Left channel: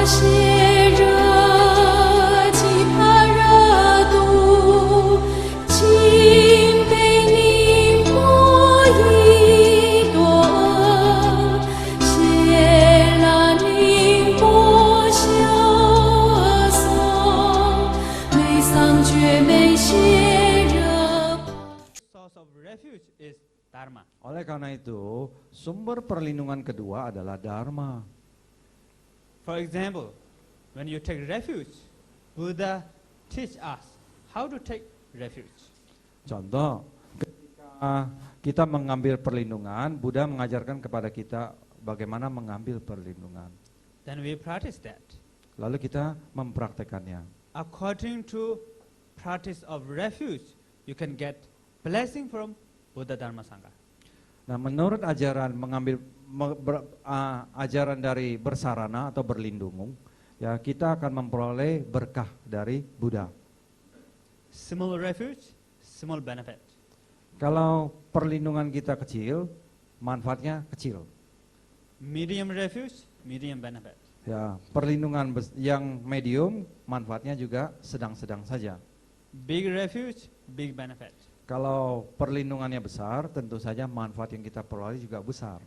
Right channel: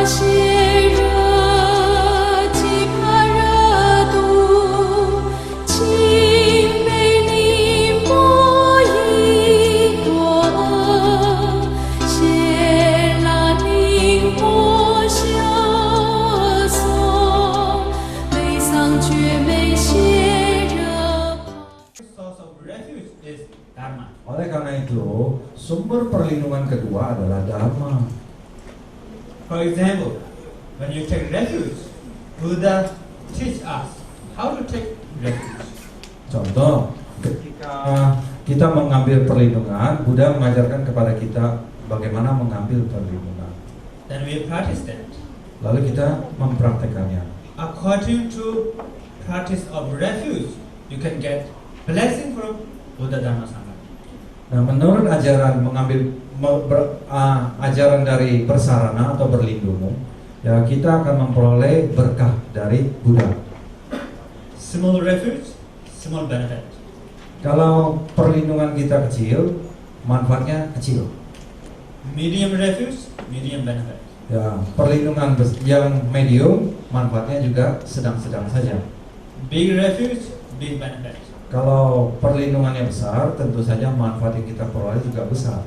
Oleh karena itu, sumber perlindungan kedua adalah Dharma. For example, when you take refuge, Buddha teach us how to take refuge. Contoh, ketika kita mengambil perlindungan, Buddha mengajarkan kepada kita bagaimana mengambil perlindungan. Then we practice that. Lalu kita mempraktekannya. According to practice of refuge, you can get blessing from Buddha Dharma Sangha. Nah, menurut ajaran ajaran dari bersarana atau berlindung, ya kita akan memperoleh berkah dari Buddha. Small refuge, small benefit. Kalau perlindungan kita kecil, manfaatnya kecil. Medium refuge, medium benefit. Ya, perlindungan yang medium, manfaatnya juga sedang-sedang saja. Big refuge, big benefit. Kalau perlindungannya besar, tentu saja manfaat yang kita peroleh juga besar.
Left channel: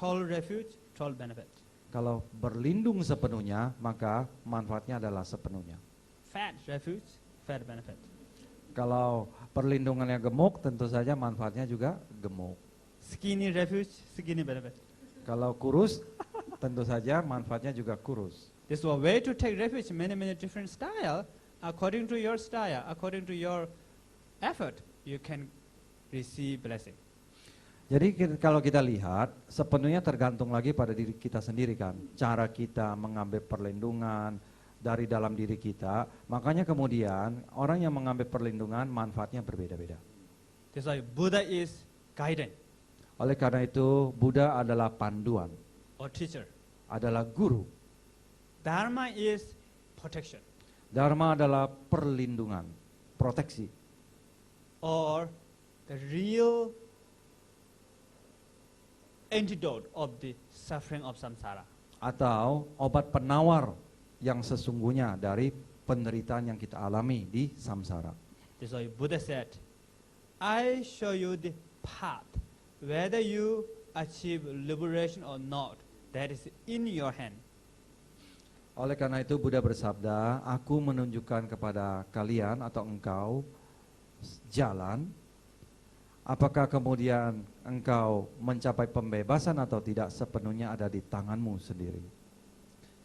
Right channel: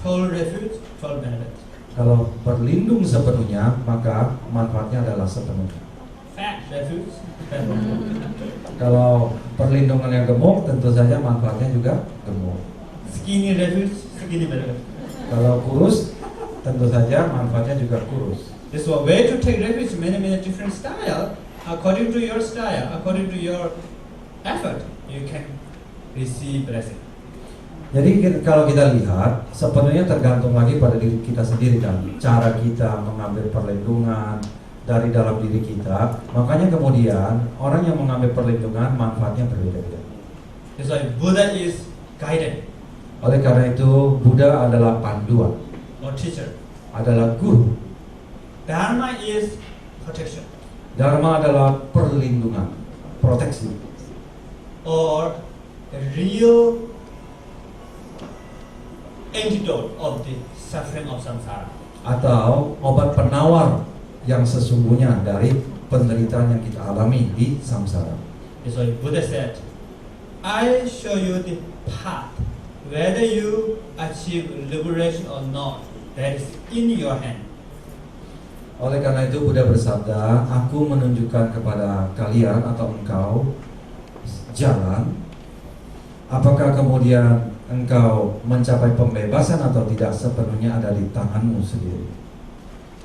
Tall refuge, tall benefit. Kalau berlindung sepenuhnya, maka manfaatnya adalah sepenuhnya. Fat refuge, fat benefit. Kalau perlindungannya gemuk, tentu saja manfaatnya juga gemuk. Skinny refuge, skinny benefit. Kalau kurus, tentu saja manfaatnya juga kurus. This way to take refuge, many different style. According to your style, according to your effort, you can receive blessing. Jadi kalau kita lihat, sepenuhnya tergantung lagi pada diri kita sendiri kan. Cara kita mengambil perlindungan dari dalam diri kita. Makanya kemudian orang yang mengambil perlindungan manfaatnya berbeda-beda. That's why Buddha is guided. Oleh karena itu Buddha adalah panduan, Or teacher. adalah guru. Dharma is protection. Dharma adalah perlindungan, proteksi. Or a real antidote of the suffering of samsara. Atau obat penawar yang sesungguhnya dari penderitaan yang kita alami di samsara. So Buddha said, I show you the path. Whether you achieve liberation or not, that is in your hand. Oleh karena itu Buddha bersabda, aku menunjukkan kepada kalian atau engkau jalan. Apakah kemudian engkau mencapai pembebasan atau tidak, sepenuhnya ada di tanganmu sendiri.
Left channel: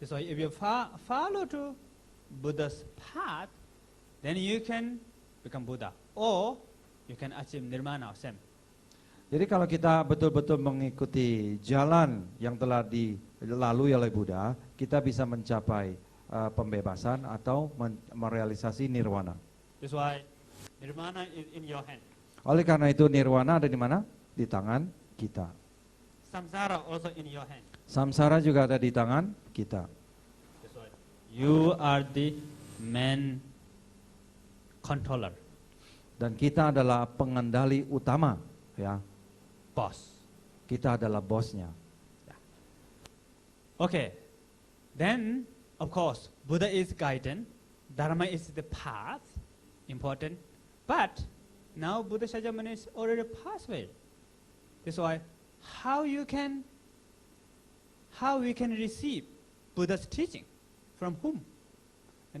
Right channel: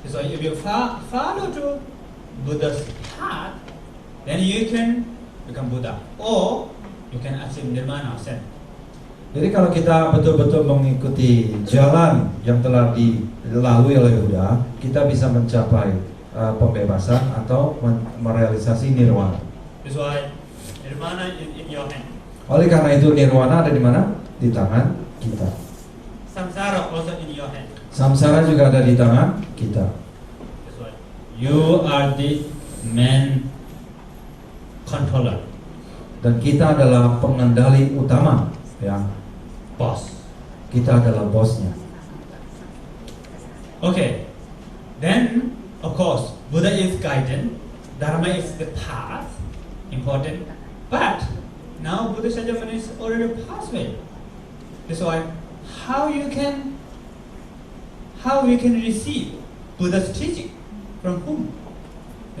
So if you follow to Buddha's path, then you can become Buddha, or you can achieve nirvana. Jadi kalau kita betul-betul mengikuti jalan yang telah dilalui oleh Buddha, kita bisa mencapai pembebasan atau merealisasi nirwana. That's why nirvana is in your hand. Oleh karena itu nirwana ada di mana? Di tangan kita. Samsara also in your hand. Samsara juga ada di tangan kita. That's why you are the main controller, Dan kita adalah pengendali utama, ya. boss. Kita adalah bosnya. Okay. Then, of course, Buddha is guidance. Dharma is the path, important. But now Buddha Sajjana is already passed away. That's why how you can receive Buddha's teaching from whom?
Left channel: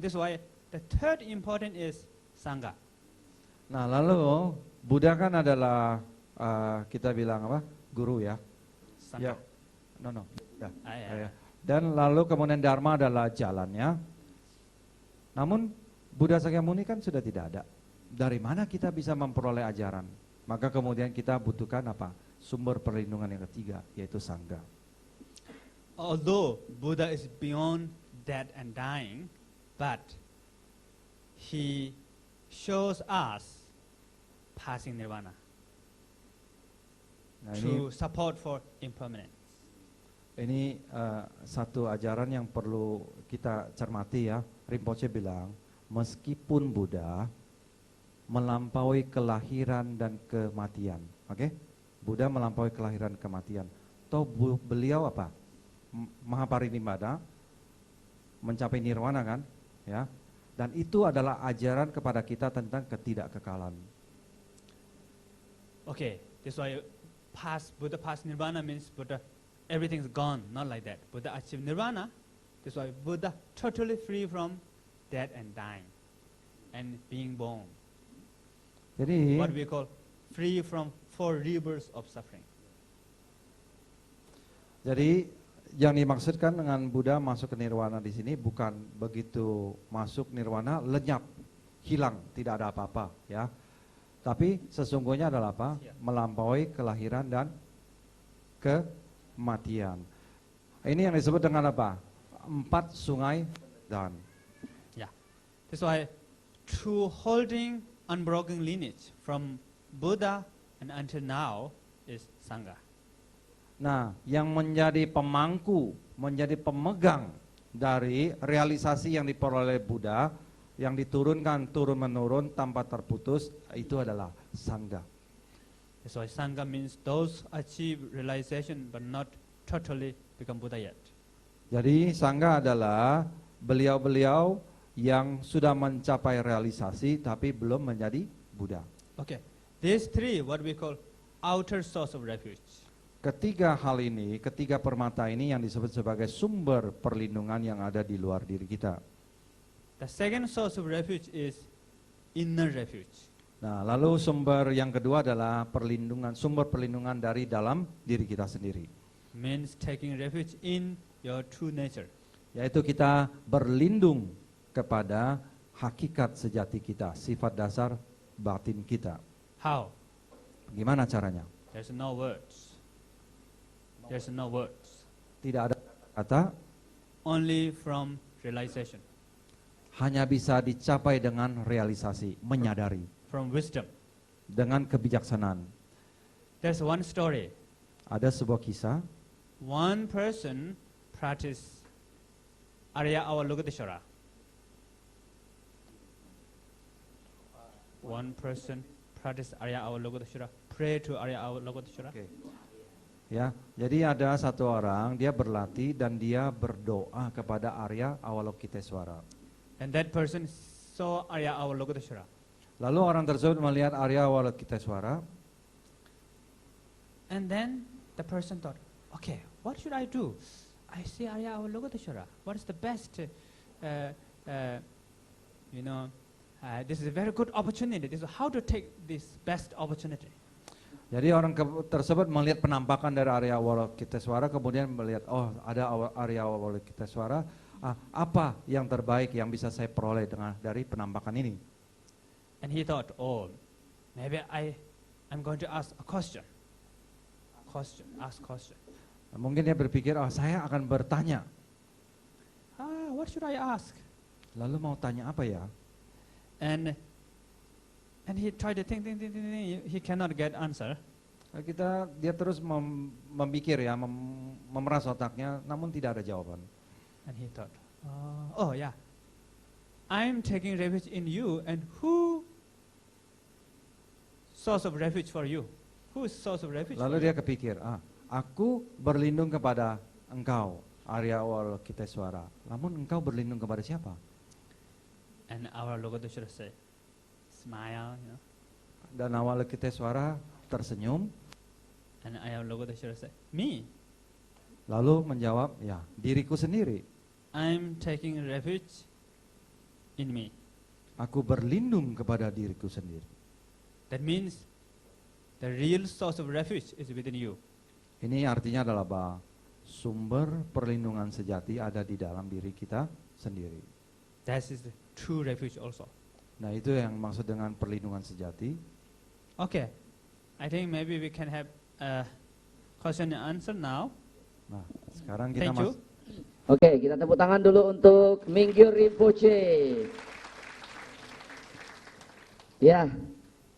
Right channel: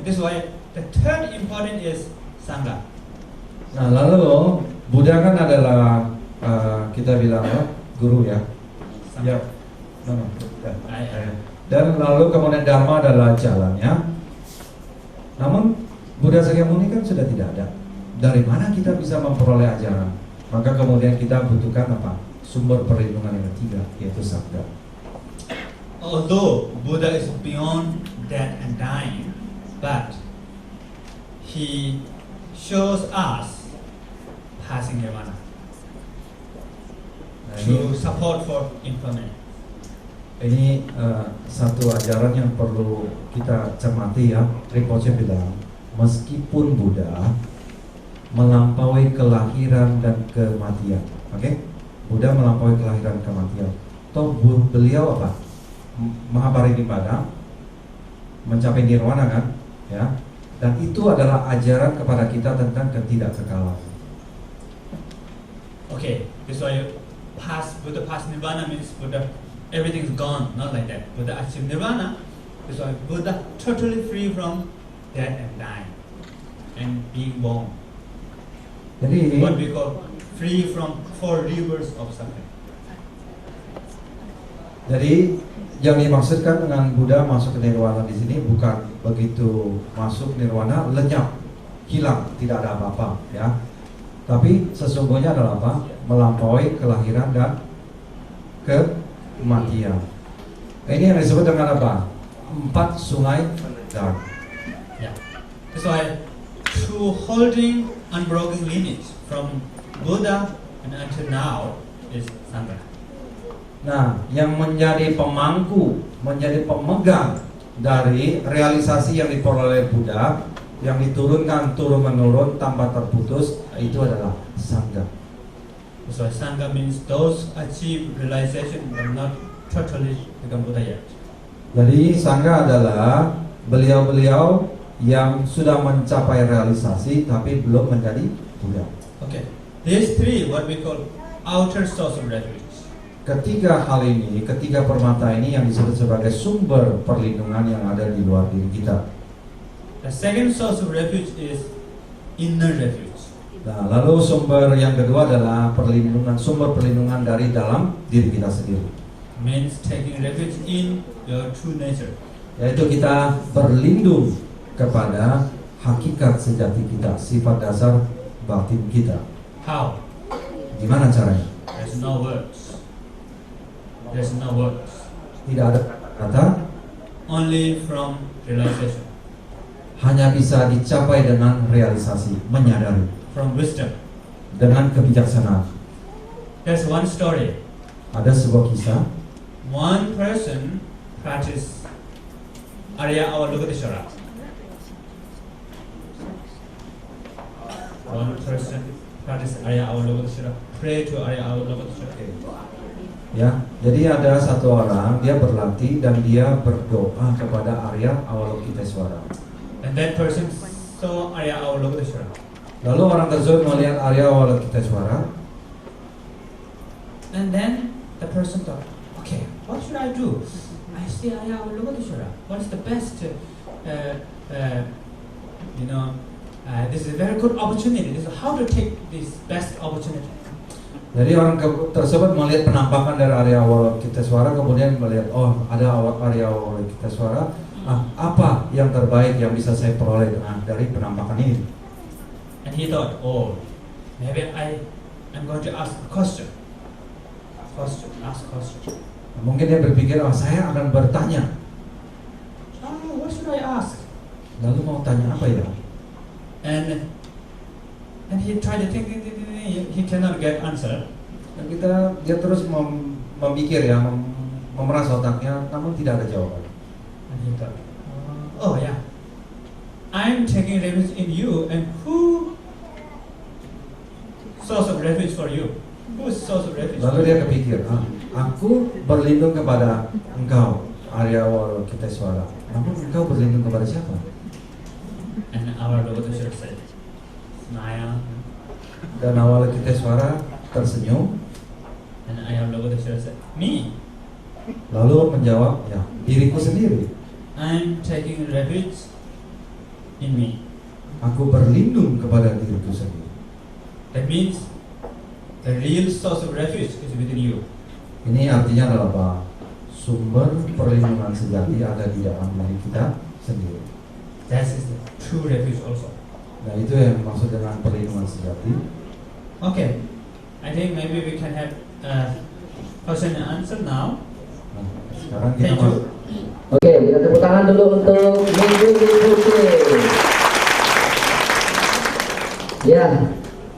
That's why the third important is Sangha. Nah lalu Buddha kan adalah kita bilang apa? Guru ya. Ya. Dan lalu kemudian Dharma adalah jalannya. Namun Buddha Sakyamuni kan sudah tidak ada. Dari mana kita bisa memperoleh ajaran? Maka kemudian kita butuhkan apa? Sumber perlindungan yang ketiga, yaitu sabda. Although Buddha is beyond death and dying, but he shows us passing nirvana to support for impermanence. Ini satu ajaran yang perlu kita cermati ya. Rinpoche bilang, meskipun Buddha melampaui kelahiran dan kematian, oke? Buddha melampaui kelahiran dan kematian. Toh beliau apa? Mahaparinibbana mencapai nirwana kan, ya. Dan itu adalah ajaran kepada kita tentang ketidakkekalan. Okay, that's why Buddha past nirvana means Buddha everything is gone, not like that. Buddha achieved nirvana, that's why Buddha totally free from death and dying and being born. Jadi What we call free from 4 rivers of suffering. Jadi yang dimaksudkan dengan Buddha masuk ke nirwana di sini bukan begitu masuk nirwana lenyap, hilang, tidak ada apa-apa, ya. Tapi sesungguhnya adalah apa? Melampaui kelahiran dan kematian. Ini yang disebut dengan apa? 4 sungai penenggak. Yeah. That's why through holding unbroken lineage from Buddha and until now is Sangha. Nah, yang menjadi pemangku, menjadi pemegang dari realisasi yang diperoleh Buddha, yang diturunkan turun-menurun tanpa terputus, itu adalah Sangha. That's why Sangha means those achieve realization but not totally become Buddha yet. Jadi Sangha adalah beliau-beliau yang sudah mencapai realisasi tapi belum menjadi Buddha. Okay. These 3, what we call outer source of refuge. Ketiga hal ini, ketiga permata ini yang disebut sebagai sumber perlindungan yang ada di luar diri kita. The second source of refuge is inner refuge. Nah, lalu sumber yang kedua adalah sumber perlindungan dari dalam diri kita sendiri. Means taking refuge in your true nature. Yaitu kita berlindung kepada hakikat sejati kita, sifat dasar batin kita. How? Gimana caranya? There's no words. There's no words. Tidak ada kata, Only from realization. hanya bisa dicapai dengan realisasi, menyadari, From wisdom. dengan kebijaksanaan. There's one story. Ada sebuah kisah. One person practiced Arya Avalokiteshvara. One person practiced Arya Avalokiteshvara. Pray to Arya Avalokiteshvara. Ya, jadi ada satu orang dia berlatih dan dia berdoa kepada Arya Avalokiteshvara. And that person saw Arya Avalokiteshvara. Lalu orang tersebut melihat Arya Avalokiteshvara. And then the person thought, okay, what should I do? I see Arya Avalokiteshvara. What's the best? This is a very good opportunity. This is how to take this best opportunity. Jadi orang tersebut melihat penampakan dari Arya Avalokiteshvara, kemudian melihat, oh ada Arya Avalokiteshvara, apa yang terbaik yang bisa saya peroleh dari penampakan ini? And he thought, oh, maybe I'm going to ask a question. Ask a question. Mungkin dia berpikir, oh saya akan bertanya. What should I ask? Lalu mau tanya apa ya? And he tried to think, he cannot get answer. Dan dia terus memikir ya, memeras otaknya, namun tidak ada jawaban. And he thought, oh yeah, I'm taking refuge in you, and who source of refuge for you? Who's source of refuge? Lalu dia kepikir, aku berlindung kepada engkau, Arya Avalokiteshvara. Namun engkau berlindung kepada siapa? And our Lord said, smile. Dan Avalokiteshvara tersenyum. And our Lord said, me. Lalu menjawab, ya diriku sendiri. I'm taking refuge in me. Aku berlindung kepada diriku sendiri. That means the real source of refuge is within you. Ini artinya adalah apa? Sumber perlindungan sejati ada di dalam diri kita sendiri. That is the true refuge also. Nah itu yang maksud dengan perlindungan sejati. Okay, I think maybe we can have question and answer now. Nah, sekarang kita Thank you. masuk. Oke, kita tepuk tangan dulu untuk Minggu Putri. Ya,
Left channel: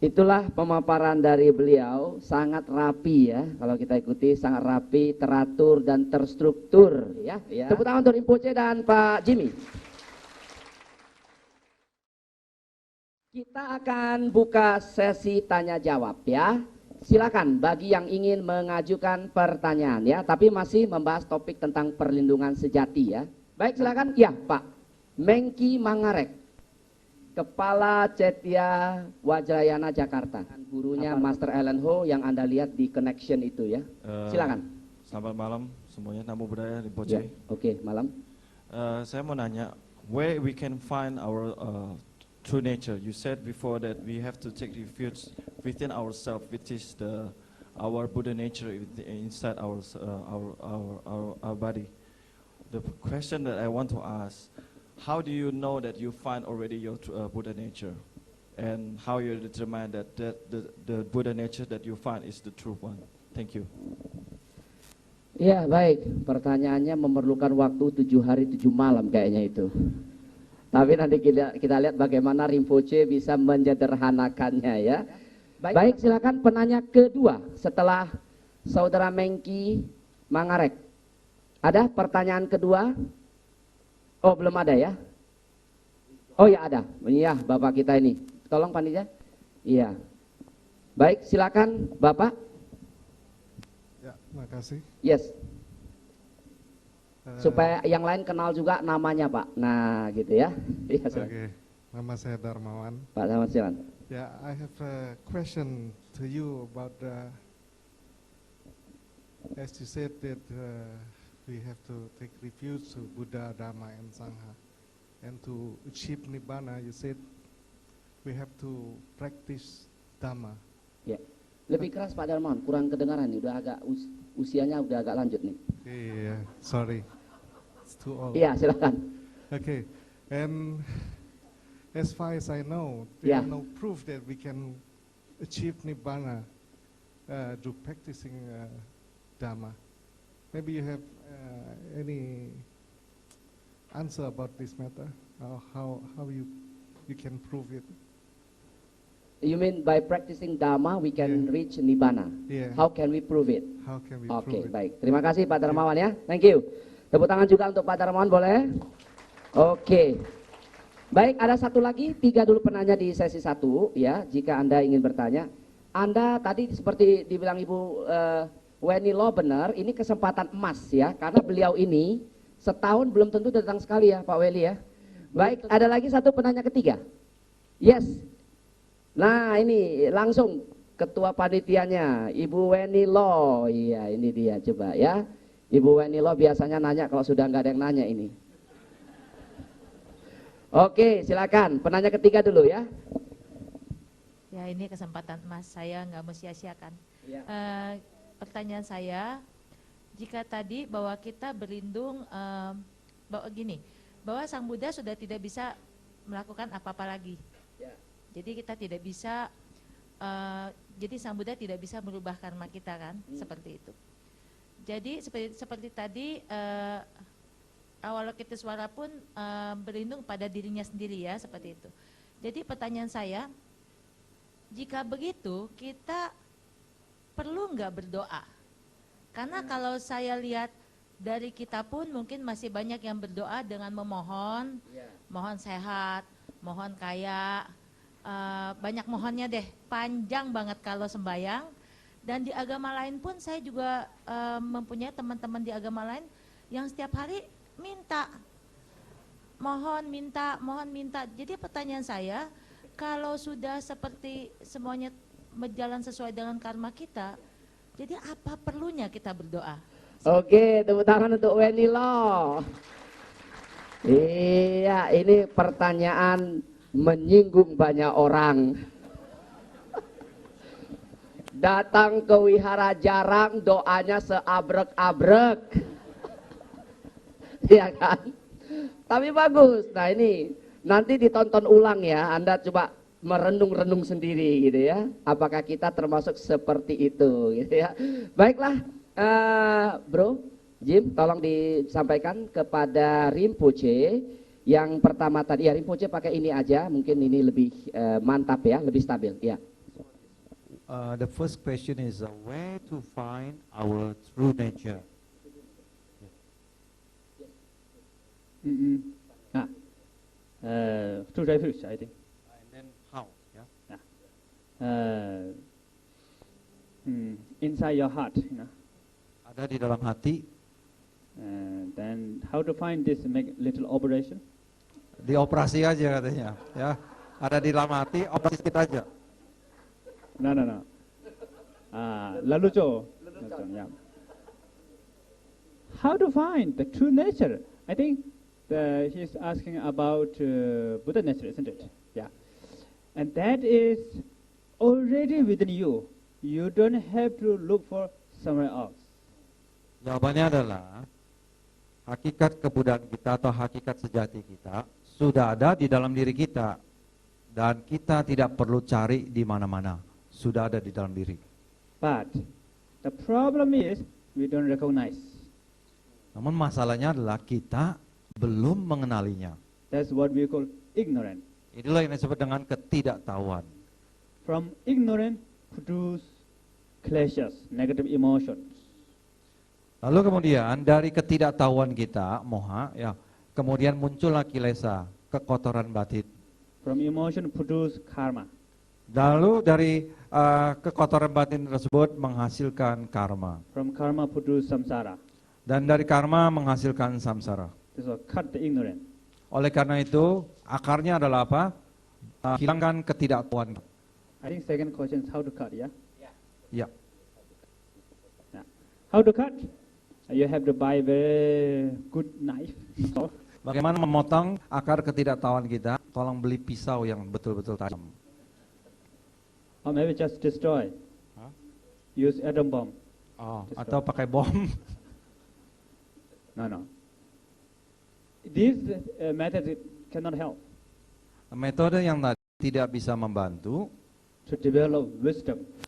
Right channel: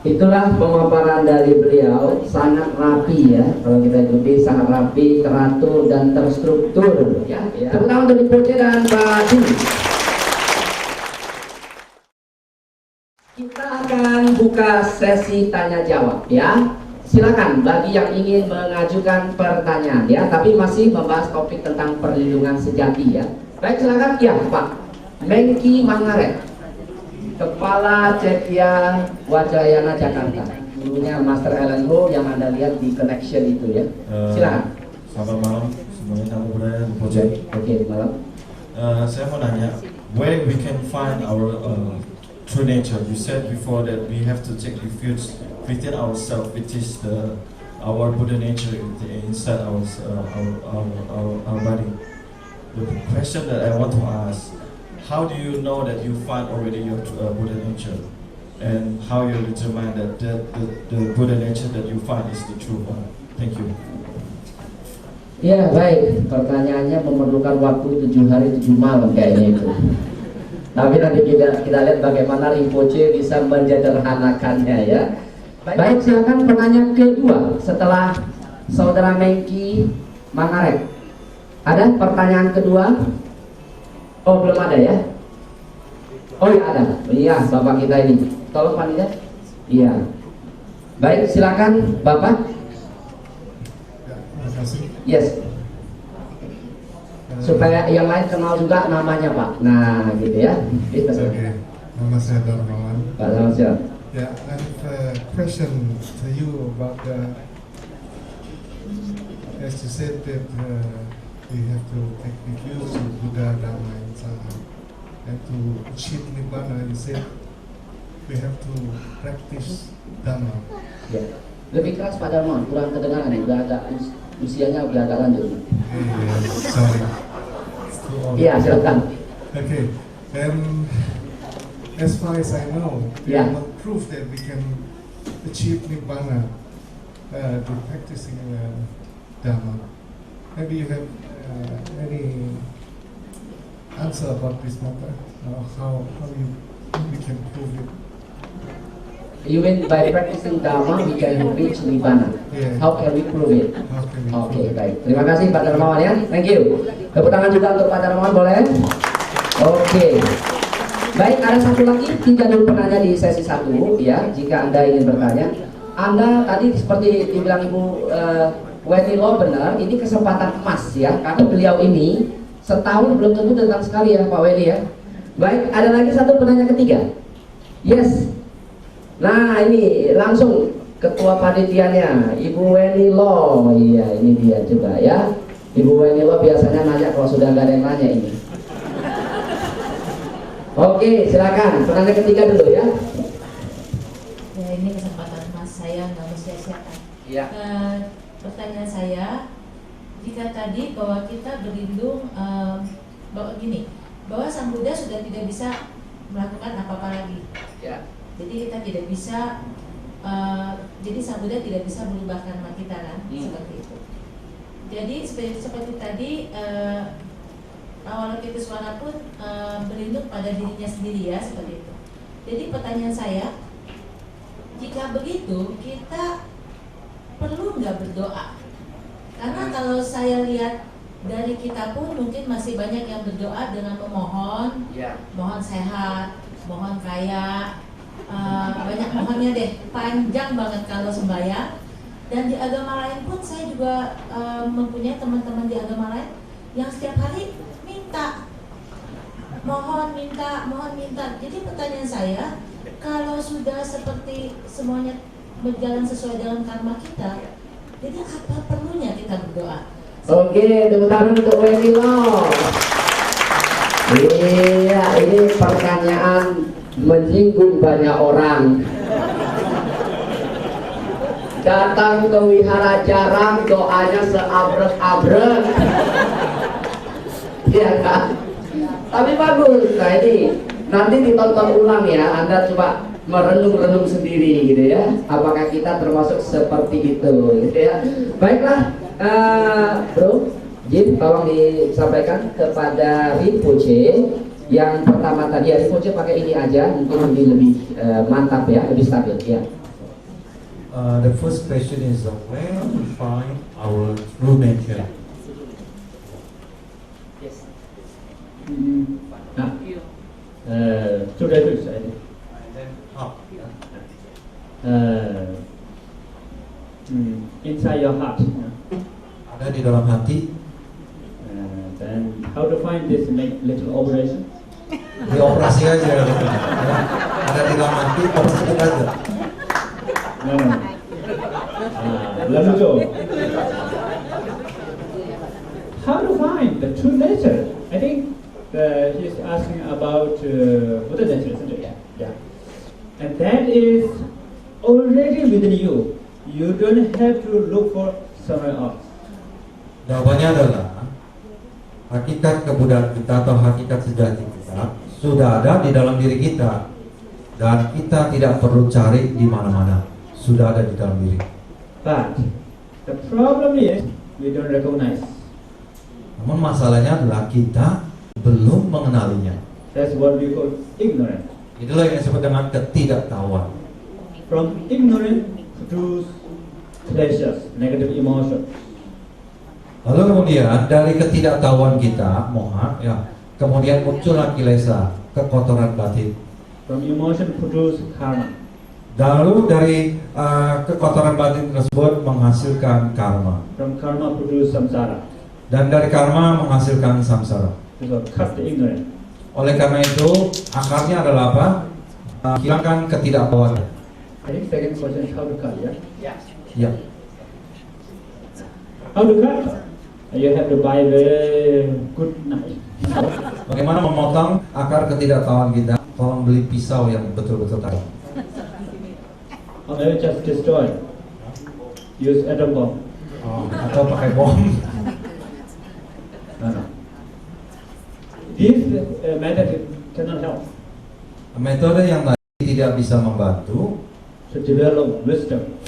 itulah pemaparan dari beliau, sangat rapi ya. Kalau kita ikuti sangat rapi, teratur dan terstruktur. Ya, tepuk tangan untuk Putri dan Pak Jim. Kita akan buka sesi tanya jawab ya. Silakan bagi yang ingin mengajukan pertanyaan ya, tapi masih membahas topik tentang perlindungan sejati ya. Baik, silakan ya Pak Mengki Mangaret, Kepala Cetia Wajayana Jakarta. Dulunya Master LNO yang Anda lihat di connection itu ya. Silakan. Selamat malam semuanya, nama saya Oke, malam. Saya mau nanya, where we can find our true nature? You said before that we have to take refuge within ourselves, which is our Buddha nature inside our body. The question that I want to ask, how do you know that you find already your Buddha nature, and how you determine that the Buddha nature that you find is the true one? Thank you. Ya baik, pertanyaannya memerlukan waktu 7 hari 7 malam kayaknya itu. Tapi nanti kita lihat bagaimana Rinpoche bisa menyederhanakannya ya. Baik, silakan pertanyaan kedua setelah Saudara Mengki Mangaret. Ada pertanyaan kedua? Oh belum ada ya? Oh ya ada. Iya Bapak kita ini. Tolong panitia. Iya. Baik, silakan Bapak. Terima kasih. Yes. Supaya yang lain kenal juga namanya Pak. Nah gitu ya. Oke. Nama saya Darmawan. Pak Samsil. Yeah, I have a question to you about as you said that we have to take refuge in Buddha, Dhamma, and Sangha, and to achieve Nibbana. You said we have to practice Dhamma. Ya. Lebih keras Pak Darmawan, kurang kedengaran, udah agak usianya udah agak lanjut. Sorry. Iya, silakan. Okay, and as far as I know, Yeah. what proof that we can achieve Nibbana to practicing Dhamma. Maybe you have any answer about this matter? How we can prove it? You mean by practicing Dhamma we can reach Nibbana? Yeah. How can we prove it? How can we Oke, prove it? baik. Terima kasih Pak Darmawan ya. Thank you. Tepuk tangan juga untuk Pak Darmawan boleh? Oke. Baik, ada satu lagi, 3 dulu penanya di sesi 1 ya. Jika Anda ingin bertanya, Anda tadi seperti dibilang Ibu Wendy Lo benar, ini kesempatan emas ya. Karena beliau ini setahun belum tentu datang sekali ya Pak Wendy ya. Baik, ada lagi satu penanya ketiga. Yes. Nah ini langsung ketua panitianya Ibu Wendy Lo. Iya ini dia coba ya. Ibu Wendy Lo biasanya nanya kalau sudah nggak ada yang nanya ini. Oke silakan penanya ketiga dulu ya. Ya ini kesempatan mas, saya nggak mau sia-siakan. Iya. Pertanyaan saya, jika tadi bahwa kita berlindung bahwa gini, bahwa Sang Buddha sudah tidak bisa melakukan apa-apa lagi. Ya. Jadi kita tidak bisa, jadi Sang Buddha tidak bisa merubah karma kita kan, seperti itu. Jadi seperti tadi awal itu semangat pun berlindung pada dirinya sendiri ya, seperti itu. Jadi pertanyaan saya, jika begitu kita perlu nggak berdoa? Karena kalau saya lihat dari kita pun mungkin masih banyak yang berdoa dengan memohon, Ya. mohon sehat, mohon kaya. Banyak mohonnya deh, panjang banget kalau sembahyang. Dan di agama lain pun saya juga mempunyai teman-teman di agama lain yang setiap hari minta, mohon minta. Jadi pertanyaan saya, kalau sudah seperti semuanya berjalan sesuai dengan karma kita, jadi apa perlunya kita berdoa? Oke, tepuk tangan untuk Wendy Lo. Iya, ini pertanyaan menyinggung banyak orang. Datang ke wihara jarang, doanya seabrek-abrek. Iya kan? Tapi bagus. Nah ini nanti ditonton ulang ya. Anda coba merenung-renung sendiri gitu ya. Apakah kita termasuk seperti itu gitu ya. Baiklah, Bro Jin, tolong disampaikan kepada Rinpoche. Yang pertama tadi Rinpoche pakai ini aja, mungkin lebih mantap ya, lebih stabil ya. The first question is where we find our true nature. Nah, sudah dulu saya. And then how? just make little operation. Dioperasi aja. Ada di dalam hati, operasi aja. No. Let it go. How to find the true nature? I think he's asking about Buddha nature, isn't it? Yeah. And that is already within you. You don't have to look for somewhere else. Jawabannya adalah hakikat kebudayaan kita atau hakikat sejati kita sudah ada di dalam diri kita dan kita tidak perlu cari di mana-mana, sudah ada di dalam diri. But the problem is we don't recognize. Namun masalahnya adalah kita belum mengenalinya. That's what we call ignorance. Itulah yang disebut dengan ketidaktahuan. From ignorance produce pleasures, negative emotions. Lalu kemudian dari ketidaktahuan kita, moha, ya, kemudian muncullah kilesa, kekotoran batin. From emotion produce karma. Lalu dari kekotoran batin tersebut menghasilkan karma. From karma produce samsara. Dan dari karma menghasilkan samsara. So cut the ignorance. Oleh karena itu, akarnya adalah apa? Hilangkan ketidaktahuan. I think second question is how to cut, yeah? Ya. How to cut? You have to buy very good knife. Bagaimana memotong akar ketidaktahuan kita? Tolong beli pisau yang betul-betul tajam. Or maybe just destroy. Use atom bomb. Atau pakai bom. No. This method cannot help. Metode yang tadi tidak bisa membantu. To develop wisdom.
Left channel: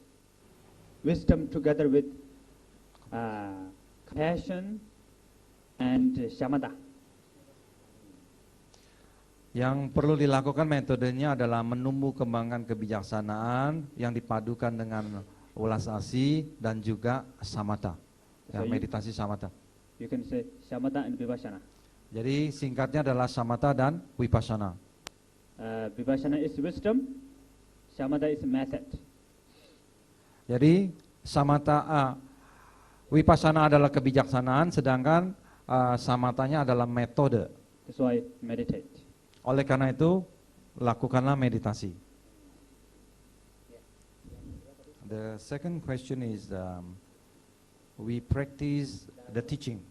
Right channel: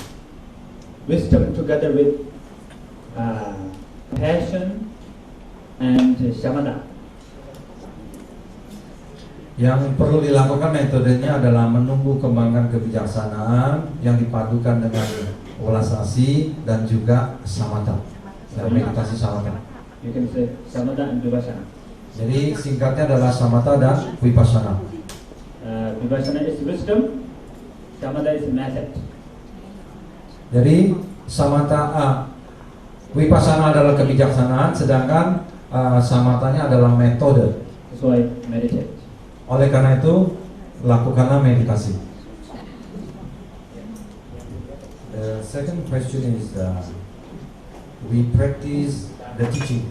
Wisdom together with passion and shamatha. Yang perlu dilakukan metodenya adalah menumbuh kembangkan kebijaksanaan yang dipadukan dengan ulas asih dan juga samatha. Meditasi samatha. You can say samatha and vipassana. Jadi singkatnya adalah samatha dan vipassana. Vipassana is wisdom, samatha is method. Jadi samatha, vipassana adalah kebijaksanaan, sedangkan samathanya adalah metode. So I meditate. Oleh karena itu, lakukanlah meditasi. The second question is, we practice the teaching,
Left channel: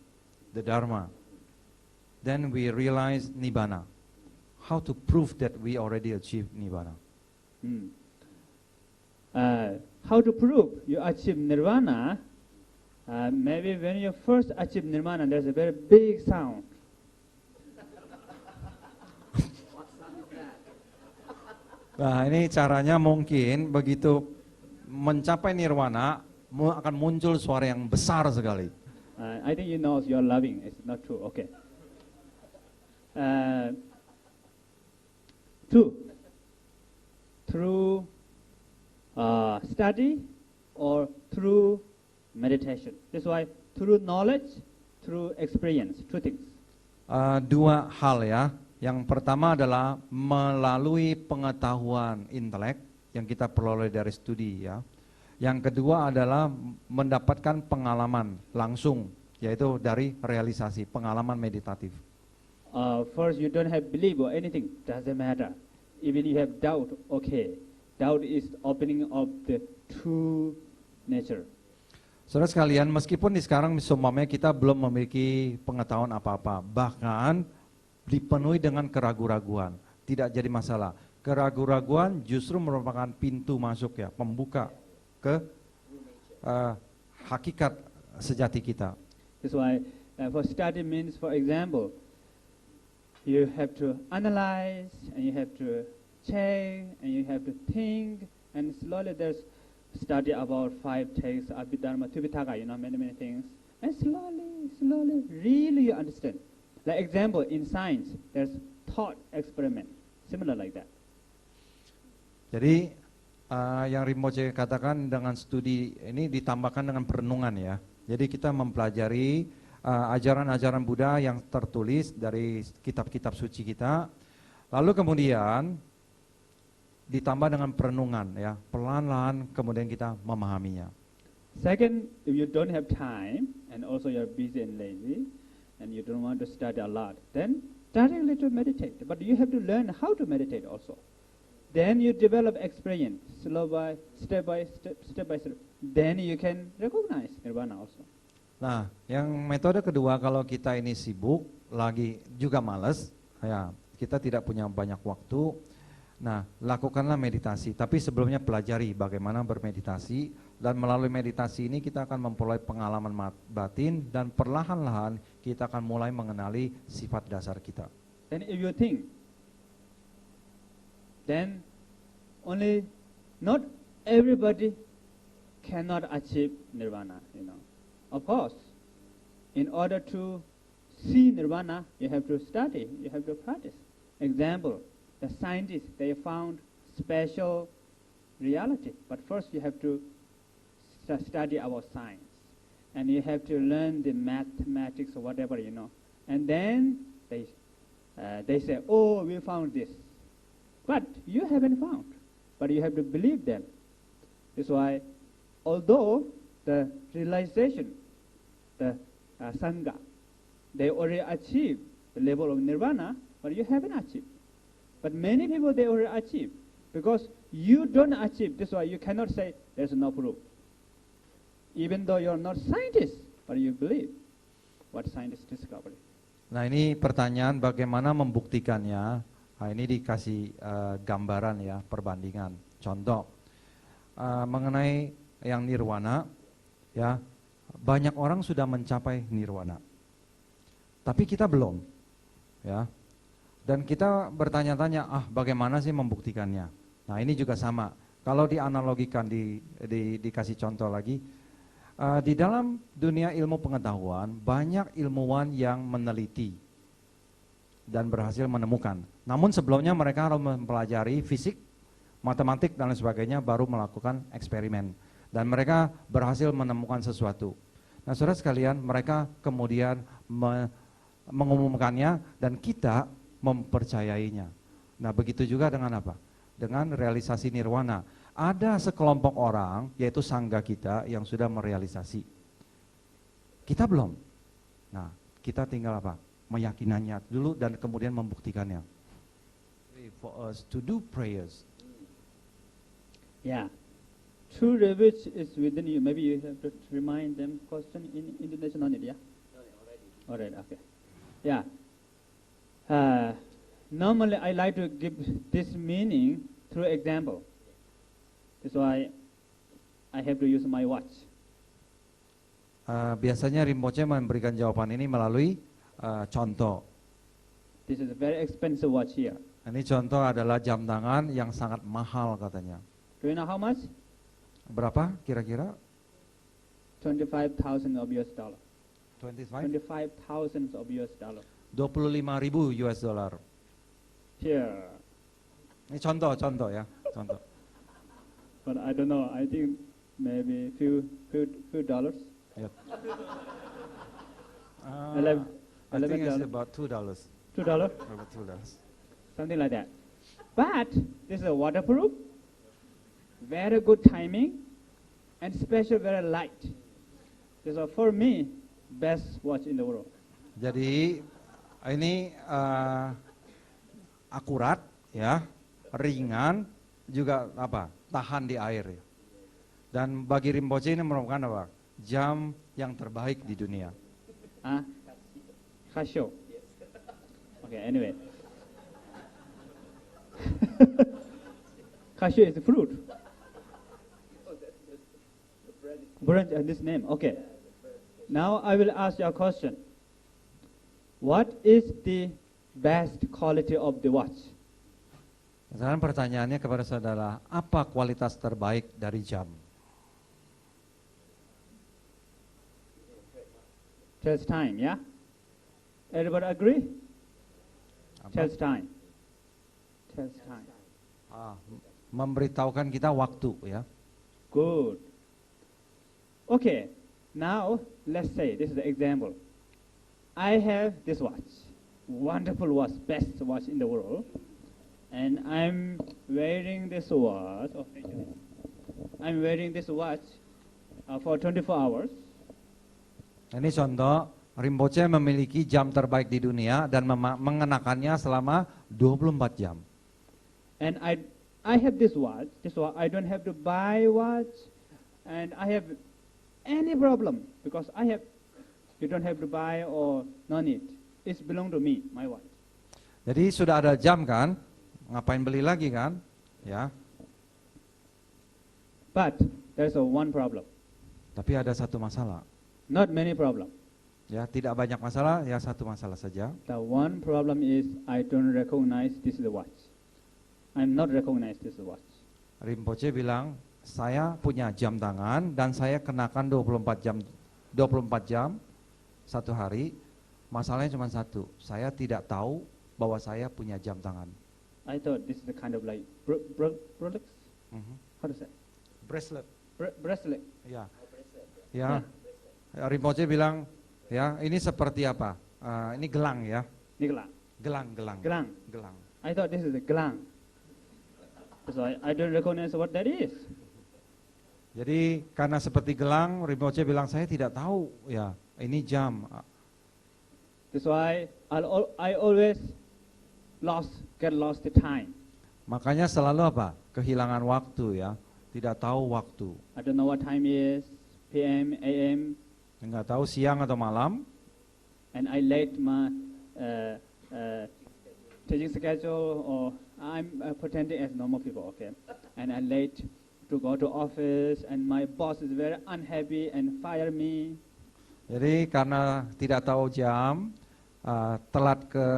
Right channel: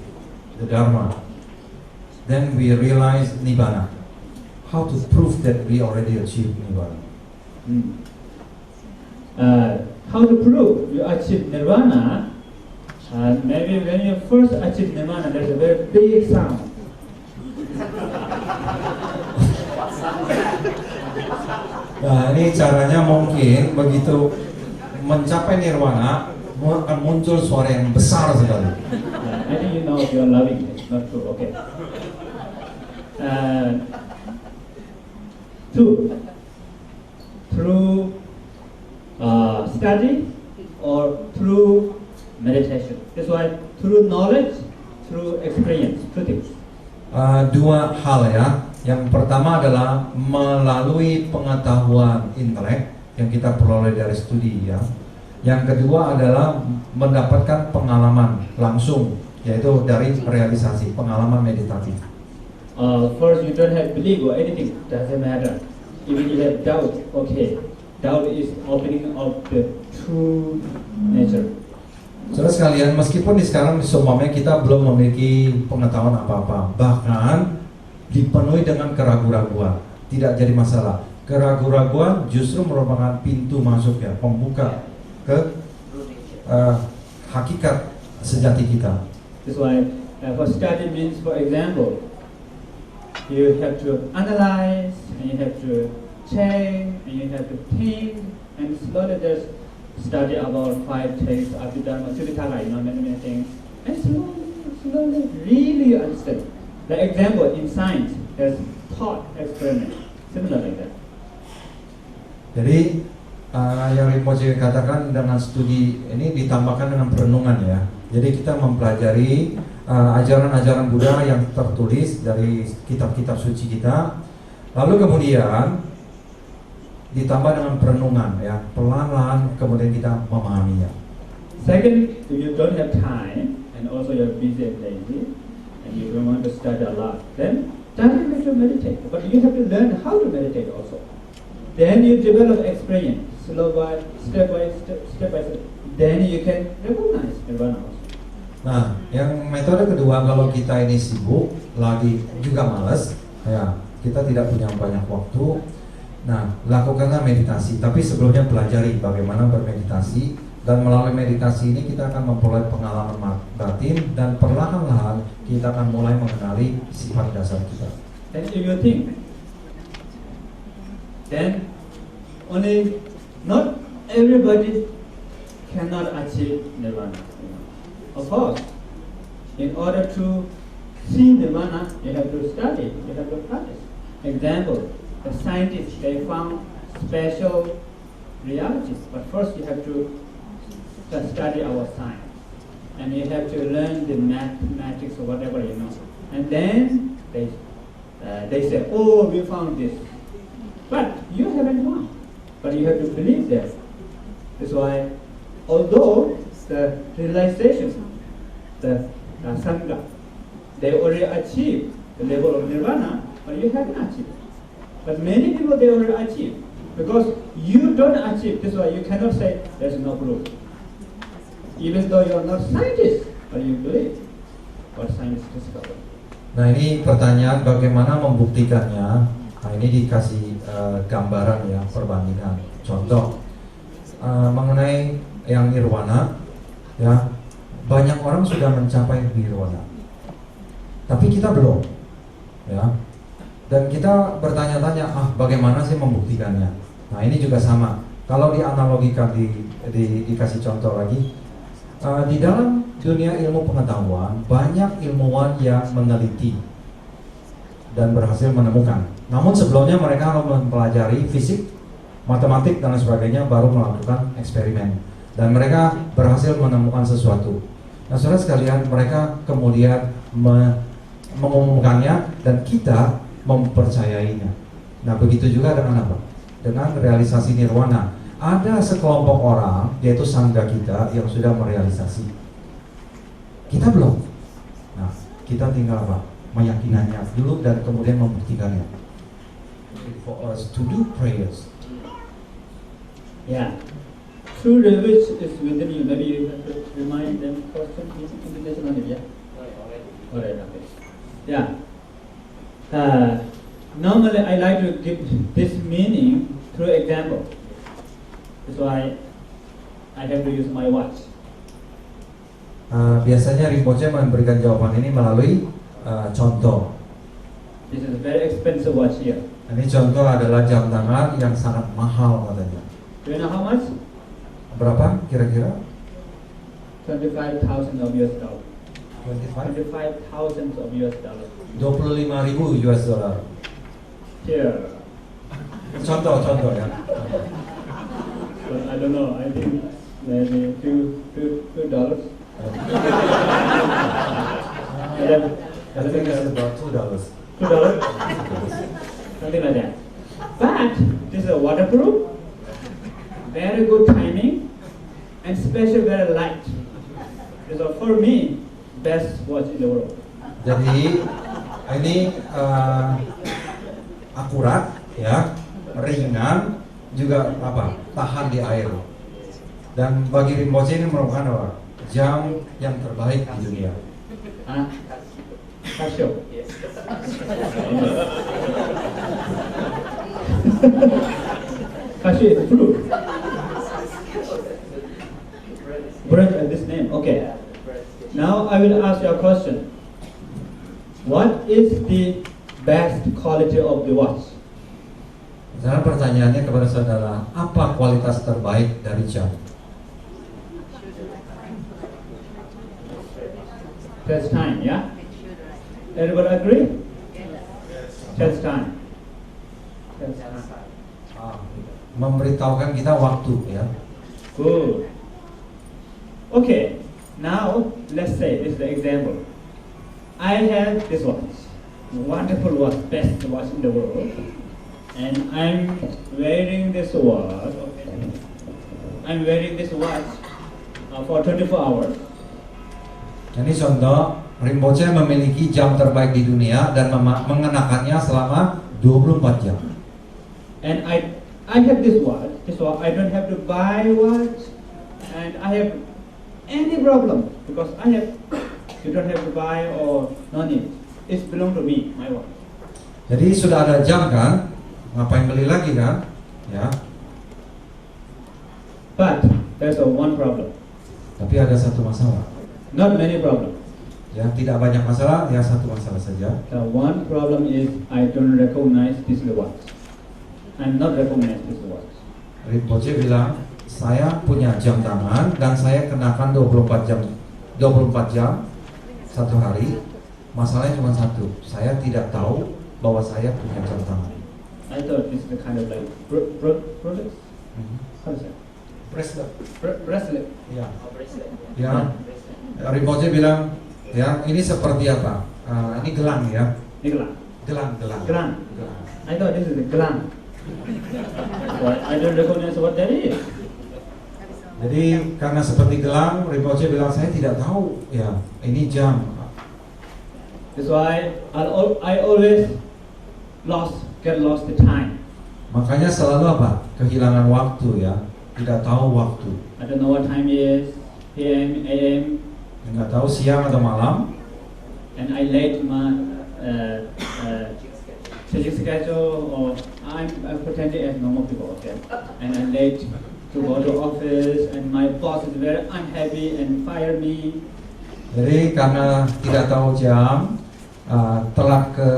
the Dharma, then we realize Nibbana. How to prove that we already achieved Nibbana? How to prove you achieve nirvana? Maybe when you first achieve nirvana, there's a very big sound. Nah, ini caranya mungkin begitu mencapai nirwana akan muncul suara yang besar sekali. I think you know you're loving it, not true, okay. Two, through study or through meditation. That's why through knowledge, through experience, two things. Dua hal ya. Yang pertama adalah melalui pengetahuan intelek yang kita peroleh dari studi ya. Yang kedua adalah mendapatkan pengalaman langsung, yaitu dari realisasi pengalaman meditatif. First, you don't have belief or anything, doesn't matter. Even you have doubt, okay. Doubt is opening of the true nature. Saudara sekalian, meskipun sekarang seumpamanya kita belum memiliki pengetahuan apa-apa, bahkan dipenuhi dengan keraguan-raguan, tidak jadi masalah. Keraguan-raguan justru merupakan pintu masuk ya, pembuka ke hakikat sejati kita. That's why for study means, for example, you have to analyze, and you have to check, and you have to think, and slowly there's study about 5 texts, Abhidharma, Sutitara, many things, and slowly really understand. The example in science, there's thought experiment, similar like that. Jadi yang Rinpoche katakan dengan studi ini ditambahkan dengan perenungan ya. Jadi kita mempelajari ajaran-ajaran Buddha yang tertulis dari kitab-kitab suci kita, lalu kemudian ditambah dengan perenungan ya, pelan-pelan kemudian kita memahaminya. Second, if you don't have time and also you're busy and lazy, and you don't want to study a lot, then you have to meditate. But you have to learn how to meditate also. Then you develop experience, step by step. Then you can recognize nirvana also. Nah, yang metode kedua, kalau kita ini sibuk, lagi juga malas, ya kita tidak punya banyak waktu. Nah, lakukanlah meditasi. Tapi sebelumnya pelajari bagaimana bermeditasi, dan melalui meditasi ini kita akan memperoleh pengalaman batin, dan perlahan-lahan kita akan mulai mengenali sifat dasar kita. Then if you think, then only not everybody cannot achieve nirvana. Of course, in order to see nirvana, you have to study, you have to practice. Example, the scientists, they found special realities, but first you have to study our science, and you have to learn the mathematics or whatever you know, and then they say, oh, we found this, but you haven't found, but you have to believe that. That's why, although the realization, the sangha, they already achieved the level of nirvana, but you haven't achieved. But many people, they already achieved. Because you don't achieve, that's why you cannot say there's no proof. Even though you're not scientist, but you believe what science discovered. Nah, ini pertanyaan bagaimana membuktikannya. Nah, ini dikasih gambaran ya, perbandingan. Contoh mengenai yang nirwana, ya banyak orang sudah mencapai nirwana, tapi kita belum, ya. Dan kita bertanya-tanya, bagaimana sih membuktikannya? Nah, ini juga sama. Kalau dianalogikan, dikasih contoh lagi, di dalam dunia ilmu pengetahuan banyak ilmuwan yang meneliti dan berhasil menemukan. Namun sebelumnya mereka harus mempelajari fisik, matematik dan sebagainya, baru melakukan eksperimen. Dan mereka berhasil menemukan sesuatu. Nah, saudara sekalian, mereka kemudian mengumumkannya dan kita mempercayainya. Nah, begitu juga dengan apa? Dengan realisasi nirwana. Ada sekelompok orang, yaitu sangga kita, yang sudah merealisasi. Kita belum. Nah, kita tinggal apa? Meyakinannya dulu dan kemudian membuktikannya. For us to do prayers. Yeah. True which is within you. Maybe you have to remind them question into this one, yeah? Alright, okay. Yeah. Normally I like to give this meaning through example. That's why I have to use my watch. Biasanya Rinpoche memberikan jawaban ini melalui contoh. This is a very expensive watch here. Ini contoh adalah jam tangan yang sangat mahal katanya. Do you know how much? Berapa kira-kira? 25,000 of US dollar. 25,000 of US dollar. 25.000 US dollar. Here. Contoh ya. But I don't know. I think maybe $2. I think it's about $2. $2. Something like that. But this is a waterproof, very good timing, and special very light. So for me, best watch in the world. Jadi ini akurat ya, ringan, juga apa? Tahan di air. Dan bagi Rinpoche ini merupakan apa? Jam yang terbaik di dunia. Casio. Casio is true. Brand and this name. Okay. Now I will ask you a question. What is the best quality of the watch? Sekarang pertanyaannya kepada saudara, apa kualitas terbaik dari jam? That's time, yeah? Everybody agree? That's time. That's time. Memberitahukan kita waktu ya. Good. Okay, now let's say this is the example. I have this watch, wonderful watch, best watch in the world, and I'm wearing this watch. For 24 hours. Ini contoh, Rinpoche memiliki jam terbaik di dunia dan mengenakannya selama 24 jam. And I have this watch. I don't have to buy watch, and I have any problem because you don't have to buy or no need. It's belong to me, my watch. Jadi sudah ada jam kan, ngapain beli lagi kan? Ya. But there's one problem. Tapi ada satu masalah. Not many problems. Ya, tidak banyak masalah, ya satu masalah saja. The one problem is I don't recognize this watch. I'm not recognize this watch. Rinpoche bilang, saya punya jam tangan dan saya kenakan 24 jam satu hari. Masalahnya cuma satu, saya tidak tahu bahwa saya punya jam tangan. I thought it's the kind of like Rolex. How is that? Bracelet. Ya. Ya. Rinpoche bilang, ya ini seperti apa? Ini gelang ya. Gelang. Gelang. I thought this is a gelang. But I don't recognize what that is. Jadi karena seperti gelang, Rinpoche bilang saya tidak tahu ya ini jam. That's why I always get lost the time. Makanya selalu apa? Kehilangan waktu ya, tidak tahu waktu. I don't know what time it is, PM, AM, Nggak tahu siang atau malam. and I late my changing schedule, or I'm pretending as normal people, okay? And I'm late to go to office, and my boss is very unhappy and fire me. Jadi karena tidak tahu jam, telat ke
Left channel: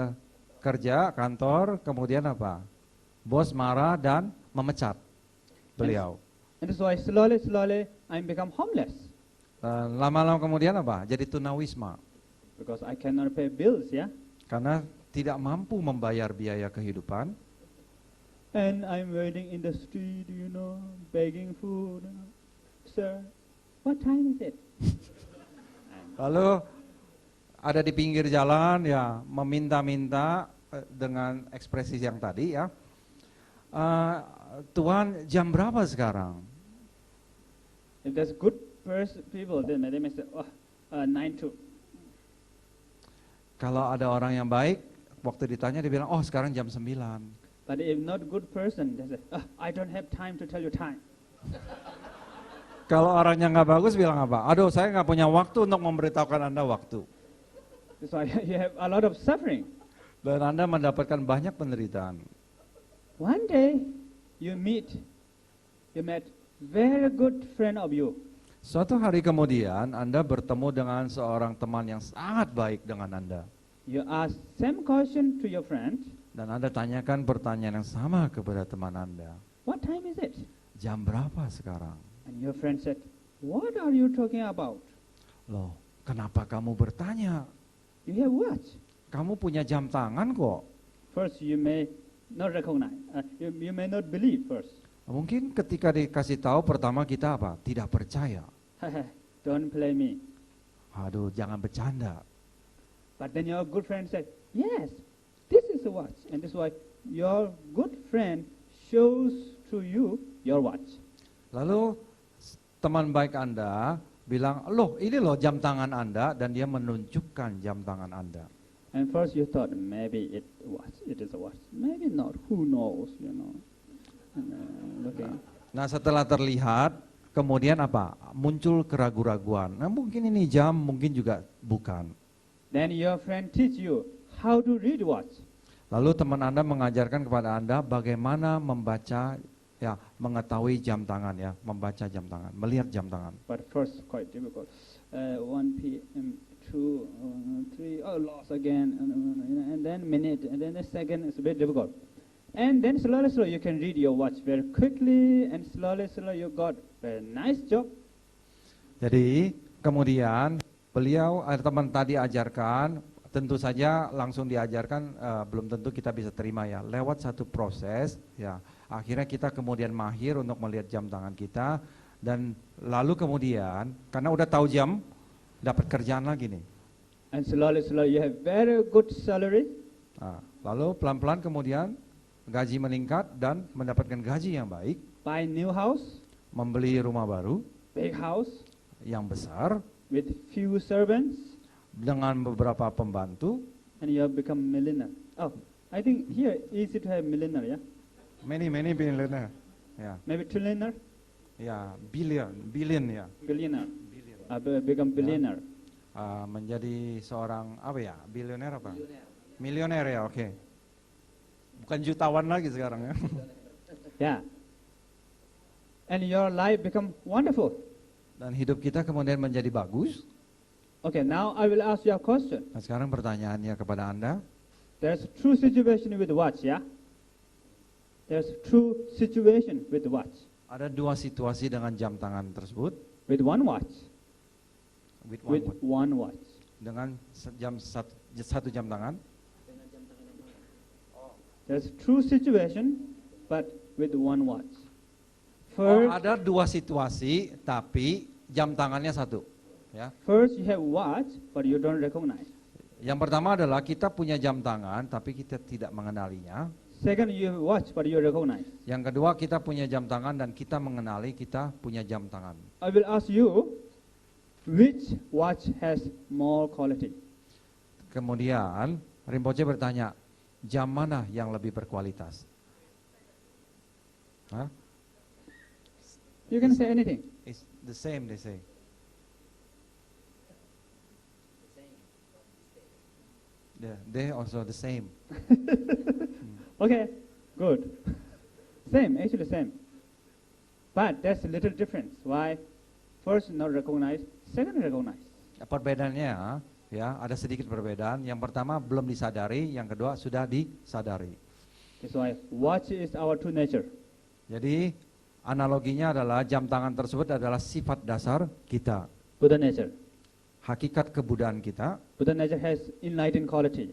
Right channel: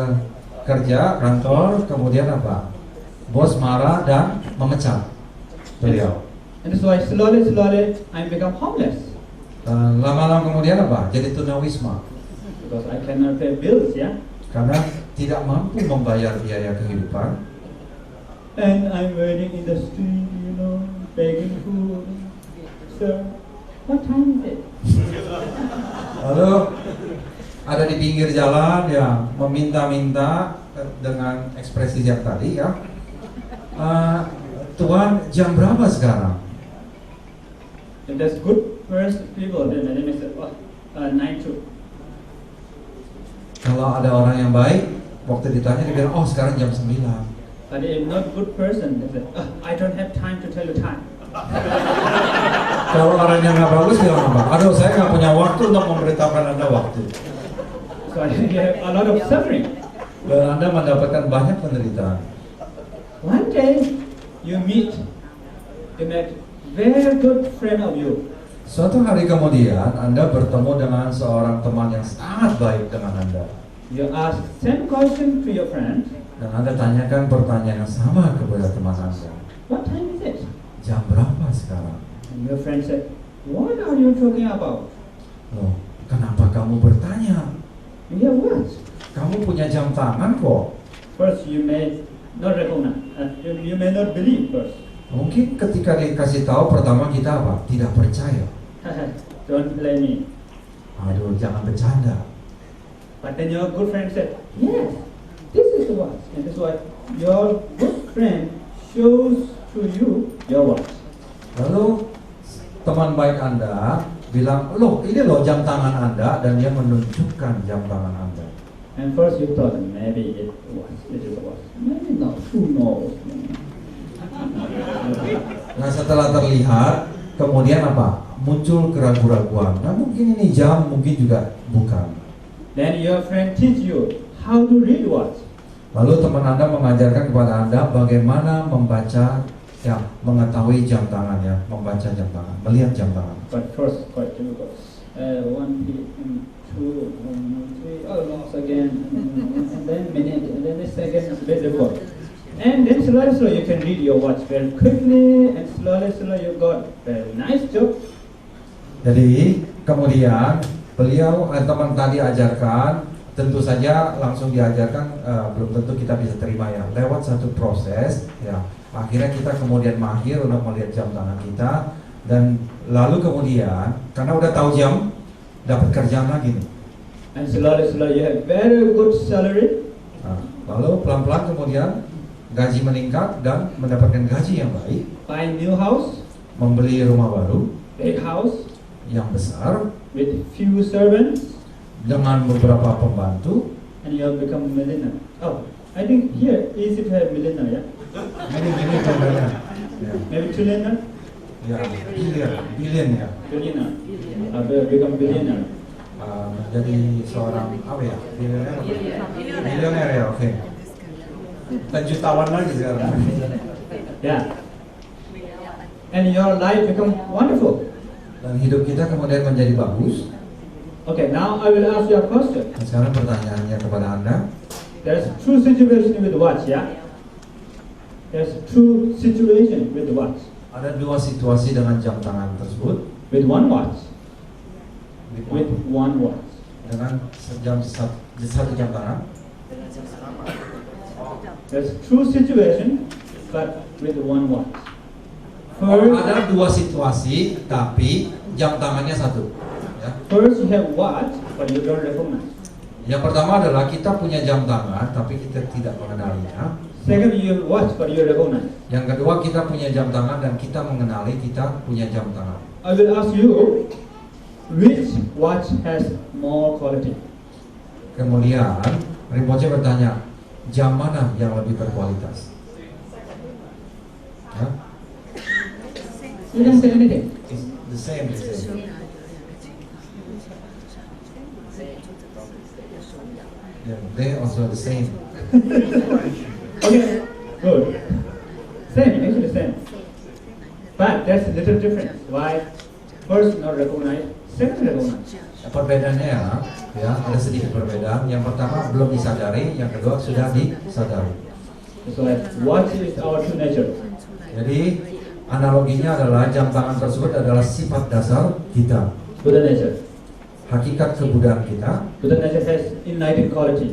kerja kantor, kemudian apa? Bos marah dan memecat beliau. And so I slowly I become homeless Dan lama-lama kemudian apa? Jadi tunawisma because I cannot pay bills, yeah. karena tidak mampu membayar biaya kehidupan. And I'm waiting in the street, begging food. Sir, what time is it? Lalu ada di pinggir jalan ya meminta-minta dengan ekspresi yang tadi ya. Tuhan jam berapa sekarang? If there's good first people, then they say, 9 Kalau ada orang yang baik, waktu ditanya dia bilang, oh sekarang jam 9. But if not good person, they say, I don't have time to tell you time. Kalau orang yang nggak bagus bilang apa? Aduh saya nggak punya waktu untuk memberitahukan Anda waktu. So you have a lot of suffering. Dan Anda mendapatkan banyak penderitaan. One day, you met very good friend of you. Suatu hari kemudian Anda bertemu dengan seorang teman yang sangat baik dengan Anda. You ask same question to your friend. Dan Anda tanyakan pertanyaan yang sama kepada teman Anda. What time is it? Jam berapa sekarang? And your friend said, what are you talking about? Loh, kenapa kamu bertanya? Yeah, what? Kamu punya jam tangan kok. First, you may not recognize. You may not believe first. Mungkin ketika dikasih tahu pertama kita apa? Tidak percaya. Don't blame me. Aduh, jangan bercanda. But then your good friend said, yes, this is the watch. And that's why your good friend shows to you your watch. Lalu teman baik Anda bilang, loh ini loh jam tangan Anda, dan dia menunjukkan jam tangan Anda. And first you thought maybe it was, this is the watch. Maybe not, who knows? Nah setelah terlihat, kemudian apa? Muncul keraguan-keraguan. Nah mungkin ini jam, mungkin juga bukan. Then your friend teach you how to read watch. Lalu teman Anda mengajarkan kepada Anda bagaimana membaca, ya mengetahui jam tangannya, membaca jam tangan, melihat jam tangan. But first, quite difficult. 1 p.m., 2, 3, almost again, and then minute, and then the second, very difficult. And then slowly you can read your watch very quickly, and slowly you got a nice job. Jadi kemudian beliau teman tadi ajarkan, tentu saja langsung diajarkan belum tentu kita bisa terima ya. Lewat satu proses ya, akhirnya kita kemudian mahir untuk melihat jam tangan kita, dan lalu kemudian karena udah tahu jam, dapat kerjaan lagi nih. And slowly you have very good salary. Nah, lalu pelan-pelan kemudian gaji meningkat dan mendapatkan gaji yang baik, Buy new house, membeli rumah baru big house, yang besar with few servants, dengan beberapa pembantu. and you have become millionaire. Oh, I think here easy to have millionaire, yeah? Many millionaire. Ya, Maybe trillionaire, ya, billion ya. billionaire. Become billionaire. Jadi seorang apa ya? Bilioner ya, oke. Dan jutawan lagi sekarang. Yeah. And your life become wonderful. Dan hidup kita kemudian menjadi bagus. Okay, now I will ask you a question. Dan sekarang pertanyaannya kepada Anda, There's true situation with watch, yeah? There's true situation with watch. ada dua situasi dengan jam tangan tersebut. With one watch. With one watch. Dengan satu jam tangan. There's true situation, but with one watch. Ada dua situasi, tapi jam tangannya satu. Ya. First you have watch, but you don't recognize. Yang pertama adalah kita punya jam tangan, tapi kita tidak mengenalinya. Second, you have watch, but you recognize. Yang kedua, kita punya jam tangan dan kita mengenali kita punya jam tangan. I will ask you, which watch has more quality? Kemudian, Rinpoche bertanya, jam mana yang lebih berkualitas? Ya? You can say anything. It's the same, the same. Yeah, they also the same. Okay, good. Same, actually same. But there's a little difference. Why? First not recognize, second recognize. Perbedaannya ya, ada sedikit perbedaan. Yang pertama belum disadari, yang kedua sudah disadari. So watch is our true nature. Jadi analoginya adalah jam tangan tersebut adalah sifat dasar kita, Buddha nature. hakikat kebudayaan kita. Buddha nature has enlightened quality.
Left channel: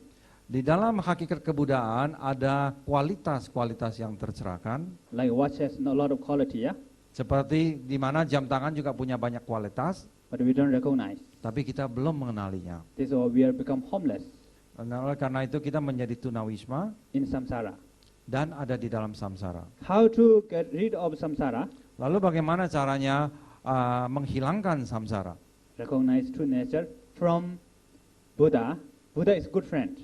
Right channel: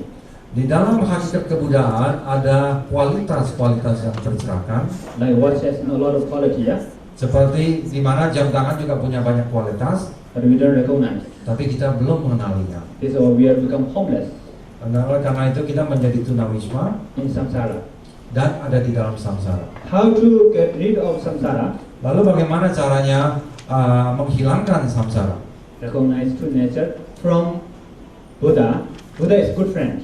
Di dalam hakikat kebudayaan ada kualitas-kualitas yang terserahkan. Like watch has a lot of quality, yeah? Seperti di mana jam tangan juga punya banyak kualitas, But we don't recognize. tapi kita belum mengenalinya. This is why we have become homeless Dan karena itu kita menjadi tunawisma in samsara. dan ada di dalam samsara. How to get rid of samsara? Lalu bagaimana caranya menghilangkan samsara? Recognize true nature from Buddha. Buddha is good friend.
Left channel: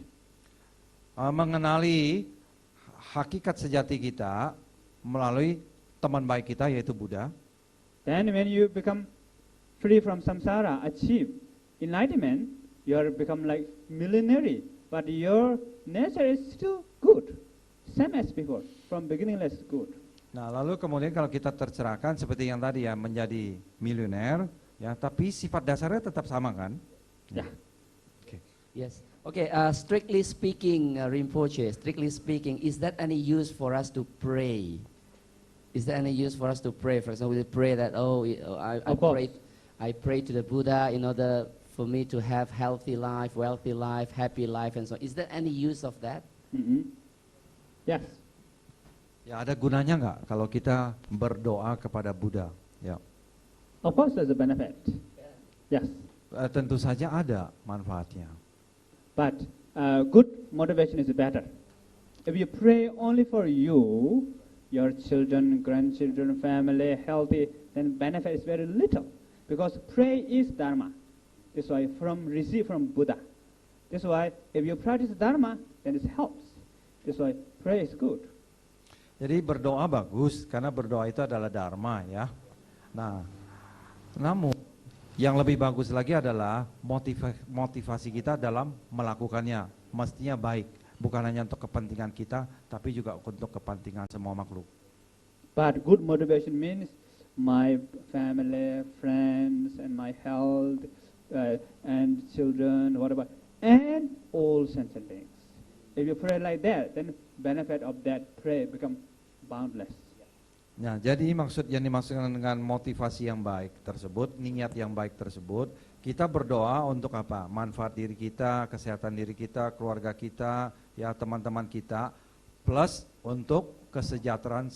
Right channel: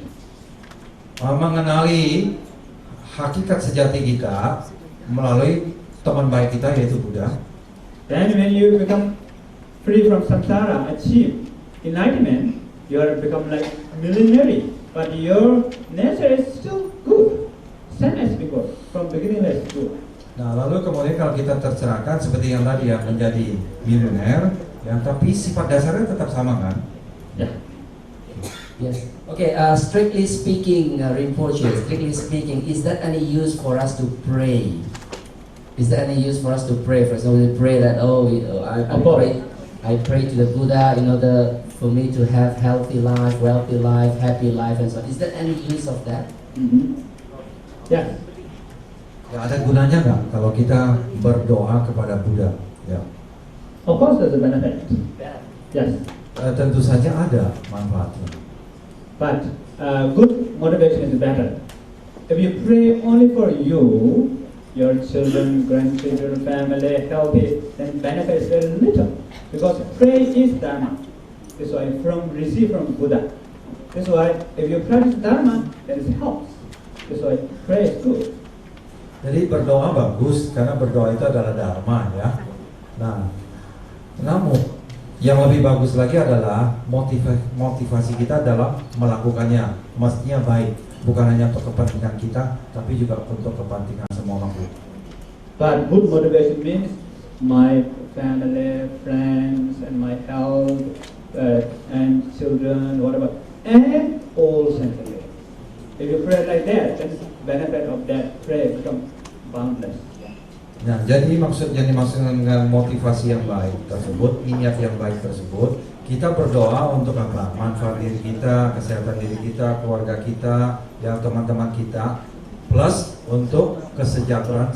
Mengenali hakikat sejati kita melalui teman baik kita yaitu Buddha. Then when you become free from samsara, achieve enlightenment, you are become like millionaire. But your nature is still good, same as before. From beginning it's good. Nah, lalu kemudian kalau kita tercerahkan seperti yang tadi ya menjadi miliuner, ya, tapi sifat dasarnya tetap sama kan? Yeah. Yes. Okay. Strictly speaking, Rinpoche. Strictly speaking, is that any use for us to pray? Is there any use for us to pray? For example, we pray that I pray to the Buddha in order for me to have healthy life, wealthy life, happy life, and so on. Is there any use of that? Yeah. Ya, ada gunanya nggak kalau kita berdoa kepada Buddha? Ya. Of course, there's a benefit. Yes. Tentu saja ada manfaatnya. But good motivation is better. If you pray only for you, your children, grandchildren, family, healthy, then benefit is very little. Because pray is dharma. That's why receive from Buddha. That's why if you practice dharma, then it helps. That's why pray is good. Jadi berdoa bagus karena berdoa itu adalah dharma ya. Nah, namun yang lebih bagus lagi adalah motivasi kita dalam melakukannya. Maksudnya baik, bukan hanya untuk kepentingan kita, tapi juga untuk kepentingan semua makhluk. But good motivation means my family, friends, and my health, and children, whatever, and all sensitive. If you pray like that, then benefit of that prayer become boundless. Nah, jadi yang dimaksud dengan motivasi yang baik tersebut, niat yang baik tersebut, kita berdoa untuk apa? Manfaat diri kita, kesehatan diri kita, keluarga kita, yang teman-teman kita, plus untuk kesejahteraan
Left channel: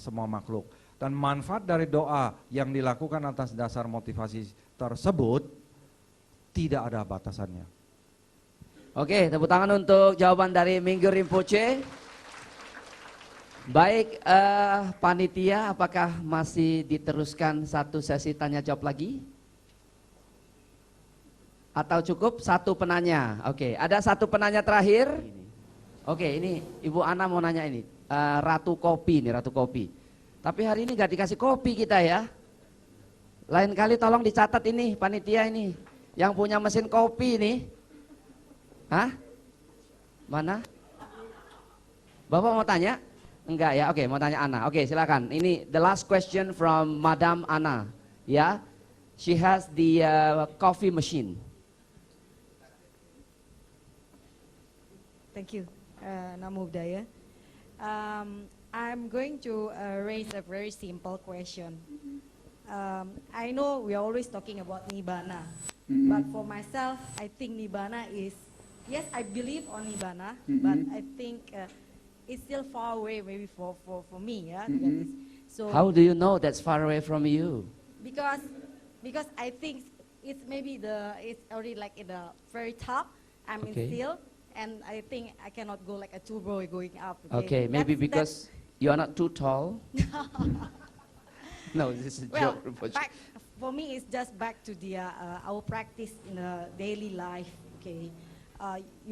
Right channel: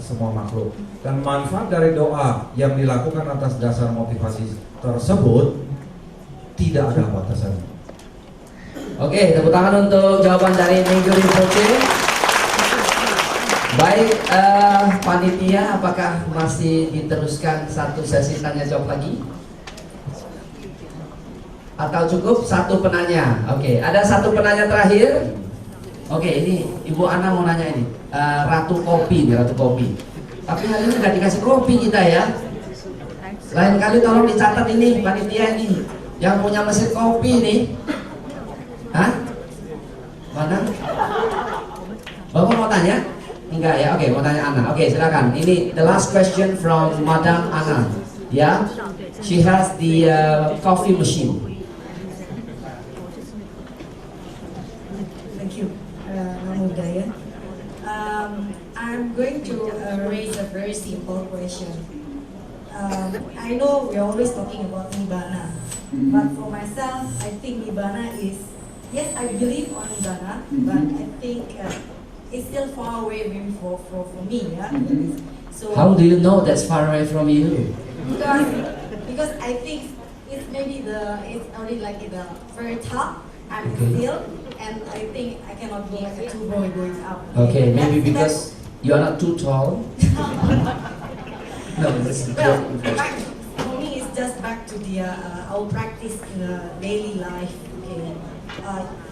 semua makhluk. Dan manfaat dari doa yang dilakukan atas dasar motivasi tersebut tidak ada batasannya. Oke, tepuk tangan untuk jawaban dari Minggu Rinpoche. Baik, panitia, apakah masih diteruskan satu sesi tanya jawab lagi? Atau cukup satu penanya? Oke, ada satu penanya terakhir. Oke, ini Ibu Ana mau nanya ini. Ratu Kopi nih, Ratu Kopi. Tapi hari ini nggak dikasih kopi kita ya. Lain kali tolong dicatat ini panitia ini yang punya mesin kopi nih. Hah? Mana? Bapak mau tanya? Enggak ya, oke, mau tanya Ana. Oke, silakan. Ini the last question from Madam Ana. Ya, she has the coffee machine. Thank you, Namo Buddhaya. I'm going to raise a very simple question. I know we're always talking about Nibbana, but for myself, I think Nibbana is, yes, I believe on Nibbana, but I think it's still far away maybe for me. Yeah? So How do you know that's far away from you? because I think it's maybe it's already like in the very top and Okay. still, and I think I cannot go like a two going up. Okay, maybe That's- because you are not too tall. No, Well, for me, it's just back to the our practice in the daily life. Okay.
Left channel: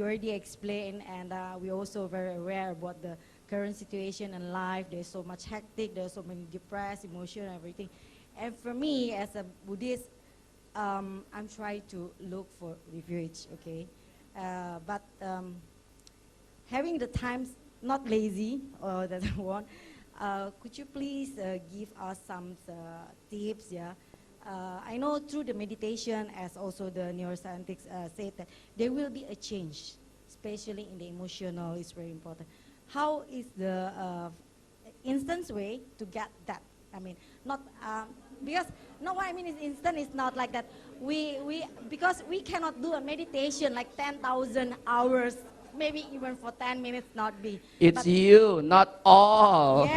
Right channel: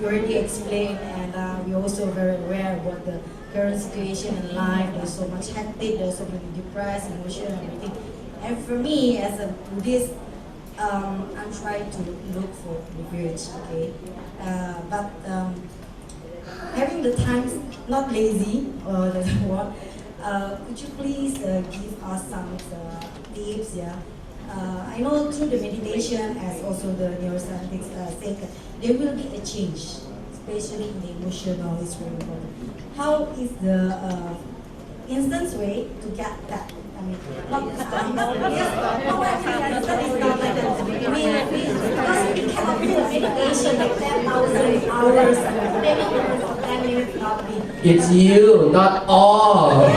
You already explained, and we're also very aware about the current situation in life. There's so much hectic, there's so many depressed, emotional, and everything. And for me, as a Buddhist, I'm trying to look for refuge. Okay, but having the time, not lazy or the what. Could you please give us some tips? Yeah, I know through the meditation, as also the neuroscientists say, that there will be a change, especially in the emotional, it's very important. How is the instant way to get that? I mean, not, yes, no, I mean, instant is not like that. Because we cannot do meditation like 10 hours, maybe 10 minutes, not me. It's you, not all.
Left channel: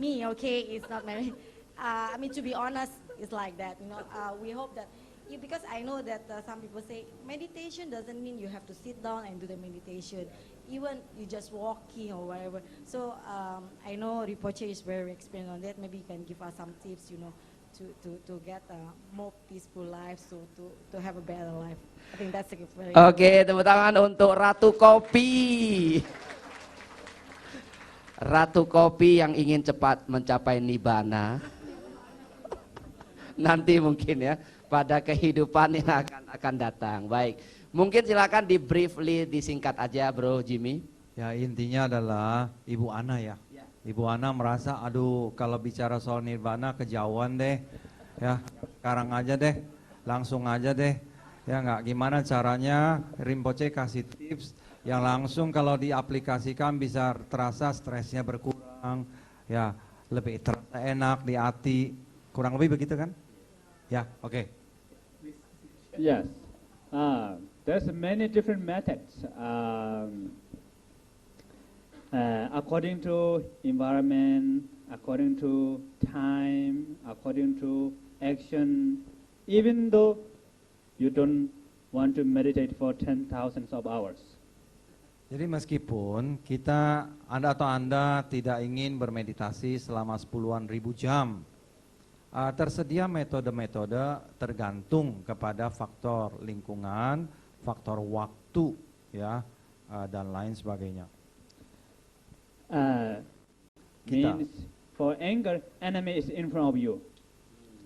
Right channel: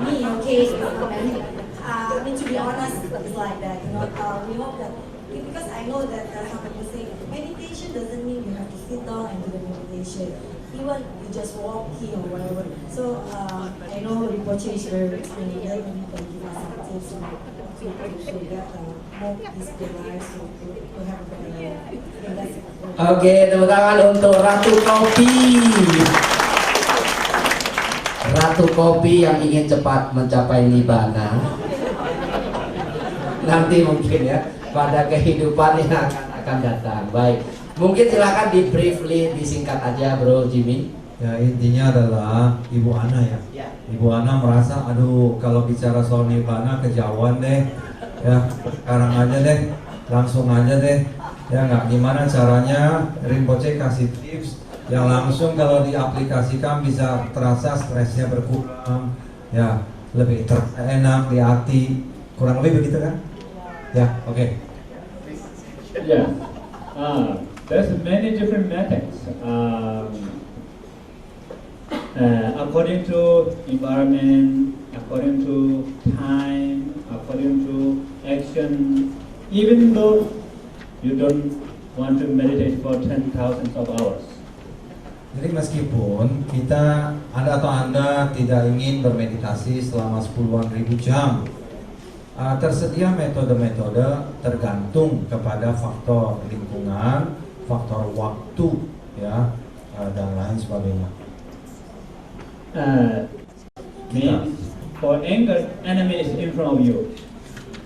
Me, okay. I mean, to be honest, it's like that. You know, we hope that because I know that how people say meditation doesn't mean you have to sit down and do the meditation. Even you just walking or whatever. So I know the purchase very explained. Then we can give us some tips to get more peaceful life, to have a better life. Yeah, that's it. Oke, tepuk tangan untuk Ratu Kopi. Ratu Kopi yang ingin cepat mencapai Nibbana. Nanti mungkin ya pada kehidupan yang akan datang. Baik, mungkin silahkan di briefly disingkat aja, Bro Jimmy. Ya, intinya adalah Ibu Ana ya. Ibu Ana merasa, aduh kalau bicara soal Nibbana kejauhan deh. Ya, sekarang aja deh, langsung aja deh. Ya nggak, gimana caranya Rinpoche kasih tips yang langsung kalau diaplikasikan bisa terasa stresnya berkurang, ya lebih enak di hati, kurang lebih begitu kan? Ya, oke. Yeah. There's many different methods. According to environment, according to time, according to action, even though you don't want to meditate for 10,000 of hours. Jadi meskipun kita, Anda atau Anda tidak ingin bermeditasi selama 10.000 jam, tersedia metode-metode tergantung kepada faktor lingkungan, faktor waktu, ya, dan lain sebagainya. Means for anger, enemy is in front of you,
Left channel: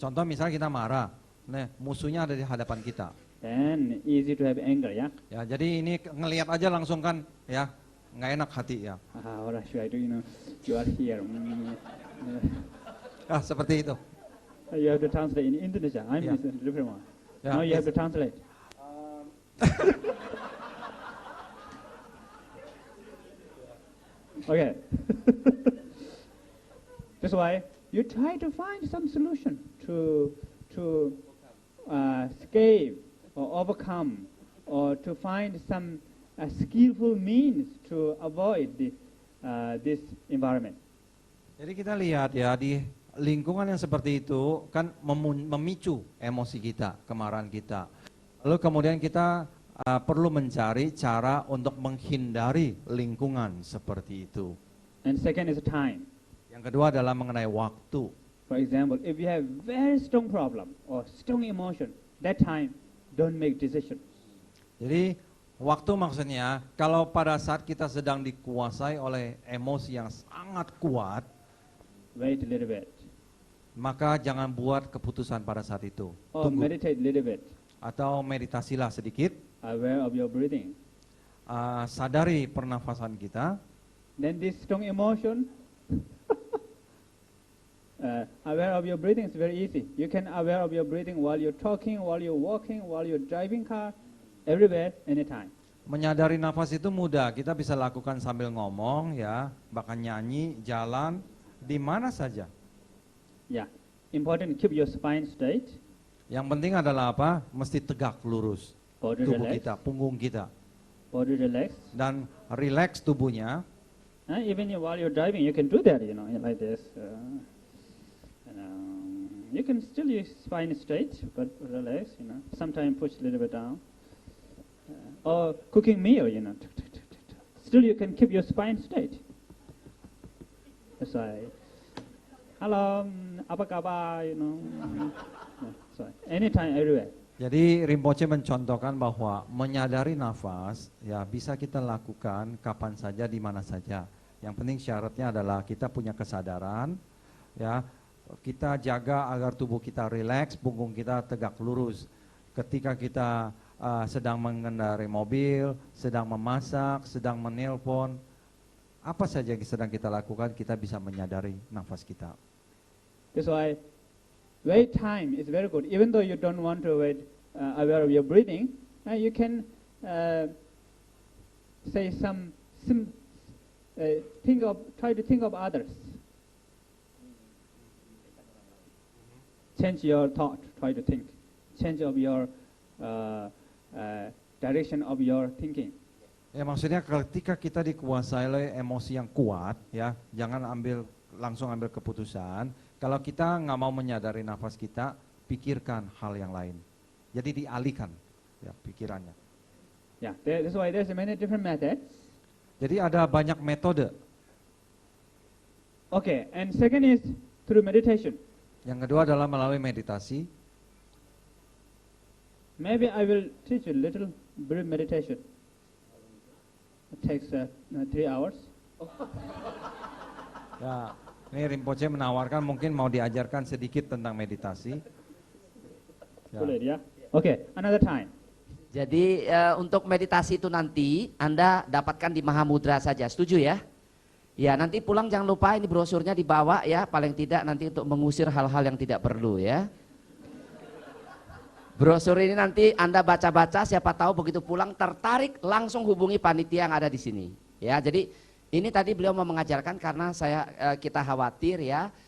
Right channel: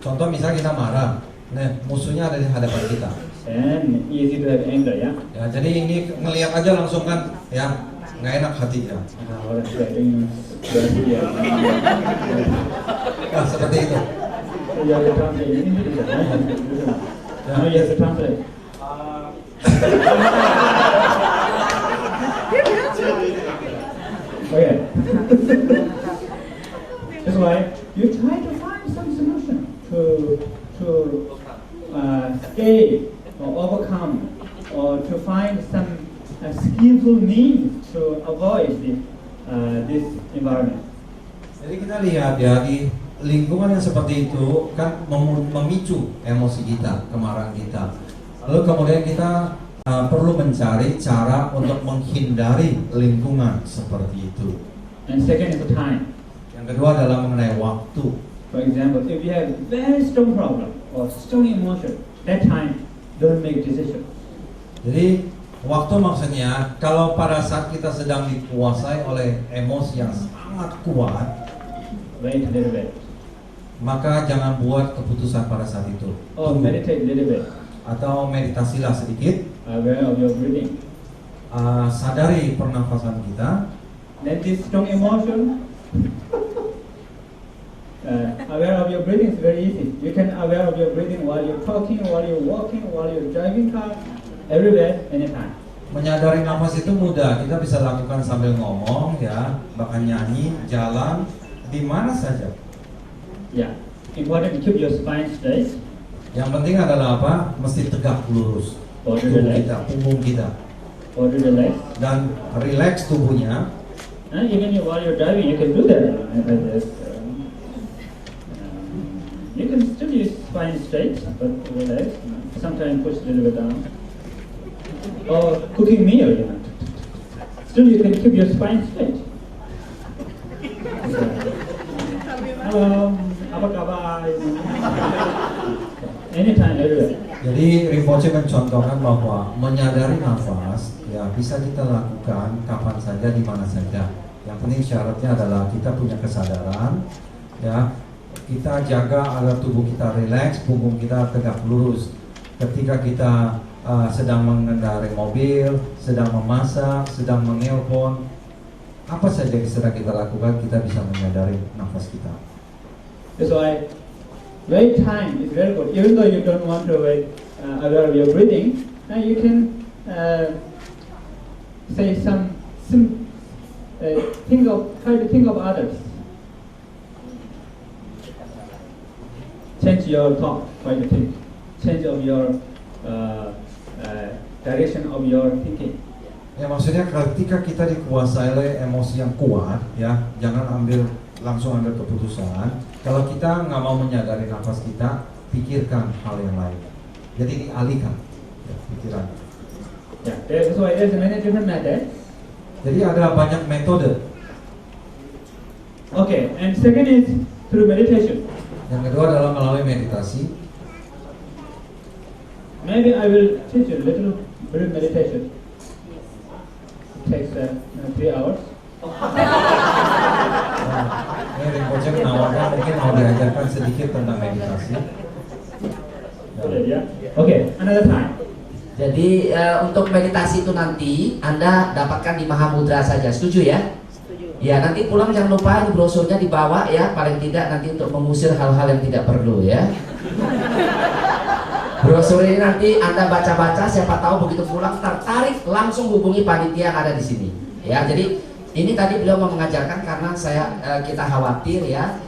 Contoh misalnya kita marah, nah, musuhnya ada di hadapan kita. and easy to have anger, yeah. Ya, jadi ini ngelihat aja langsung kan, ya nggak enak hatinya. What is that doing? Yeah. Nah, seperti itu. Okay. That's why you try to find some solution to stay or overcome or to find some skillful means to avoid this environment. Jadi kita lihat ya di lingkungan yang seperti itu kan memicu emosi kita, kemarahan kita. Lalu kemudian kita perlu mencari cara untuk menghindari lingkungan seperti itu. And second is time. Yang kedua adalah mengenai waktu. For example, if you have very strong problem or strong emotion, that time don't make decisions. Jadi waktu maksudnya kalau pada saat kita sedang dikuasai oleh emosi yang sangat kuat, Wait a little bit. maka jangan buat keputusan pada saat itu. Or meditate a little bit. Atau meditasilah sedikit, Aware of your breathing. sadari pernafasan kita. Then this strong emotion, aware of your breathing is very easy. You can aware of your breathing while you're talking, while you're walking, while you're driving car, everywhere, anytime. Menyadari nafas itu mudah, kita bisa lakukan sambil ngomong ya, bahkan nyanyi, jalan, di mana saja. Yeah. Important to keep your spine straight. Yang penting adalah apa? Mesti tegak lurus punggung kita, Or do the legs. dan rileks tubuhnya. And even while you're driving, you can do that. You can still use spine straight, but relax. Sometimes push a little bit down. Or cooking meal, still you can keep your spine straight. Apa kabar? Anytime, everywhere. Jadi Rinpoche mencontohkan bahwa menyadari nafas ya bisa kita lakukan kapan saja, di mana saja. Yang penting syaratnya adalah kita punya kesadaran, ya kita jaga agar tubuh kita rileks, punggung kita tegak lurus. Ketika kita sedang mengendarai mobil, sedang memasak, sedang menelpon, apa saja yang sedang kita lakukan, kita bisa menyadari nafas kita. That's why wait time is very good. Even though you don't want to wait aware of your breathing, you can say try to think of others. Change your thought, try to think. Change of your direction of your thinking. Ya maksudnya ketika kita dikuasai oleh emosi yang kuat, ya jangan langsung ambil keputusan. Kalau kita nggak mau menyadari nafas kita, pikirkan hal yang lain. Jadi dialihkan ya, pikiran. Yeah, that's why there's many different methods. Jadi ada banyak metode. Okay, and second is through meditation. Yang kedua adalah melalui meditasi. Maybe I will teach you a little brief meditation. It takes 3 hours. Ya, Rinpoche menawarkan mungkin mau diajarkan sedikit tentang meditasi. Yeah. Okay, another time. Jadi untuk meditasi itu nanti Anda dapatkan di Mahamudra saja, setuju ya? Ya nanti pulang jangan lupa di brosurnya dibawa ya, paling tidak nanti untuk mengusir hal-hal yang tidak perlu ya. Brosur ini nanti Anda baca-baca, siapa tahu begitu pulang tertarik langsung hubungi panitia yang ada di sini. Ya jadi ini tadi beliau mau mengajarkan karena kita khawatir ya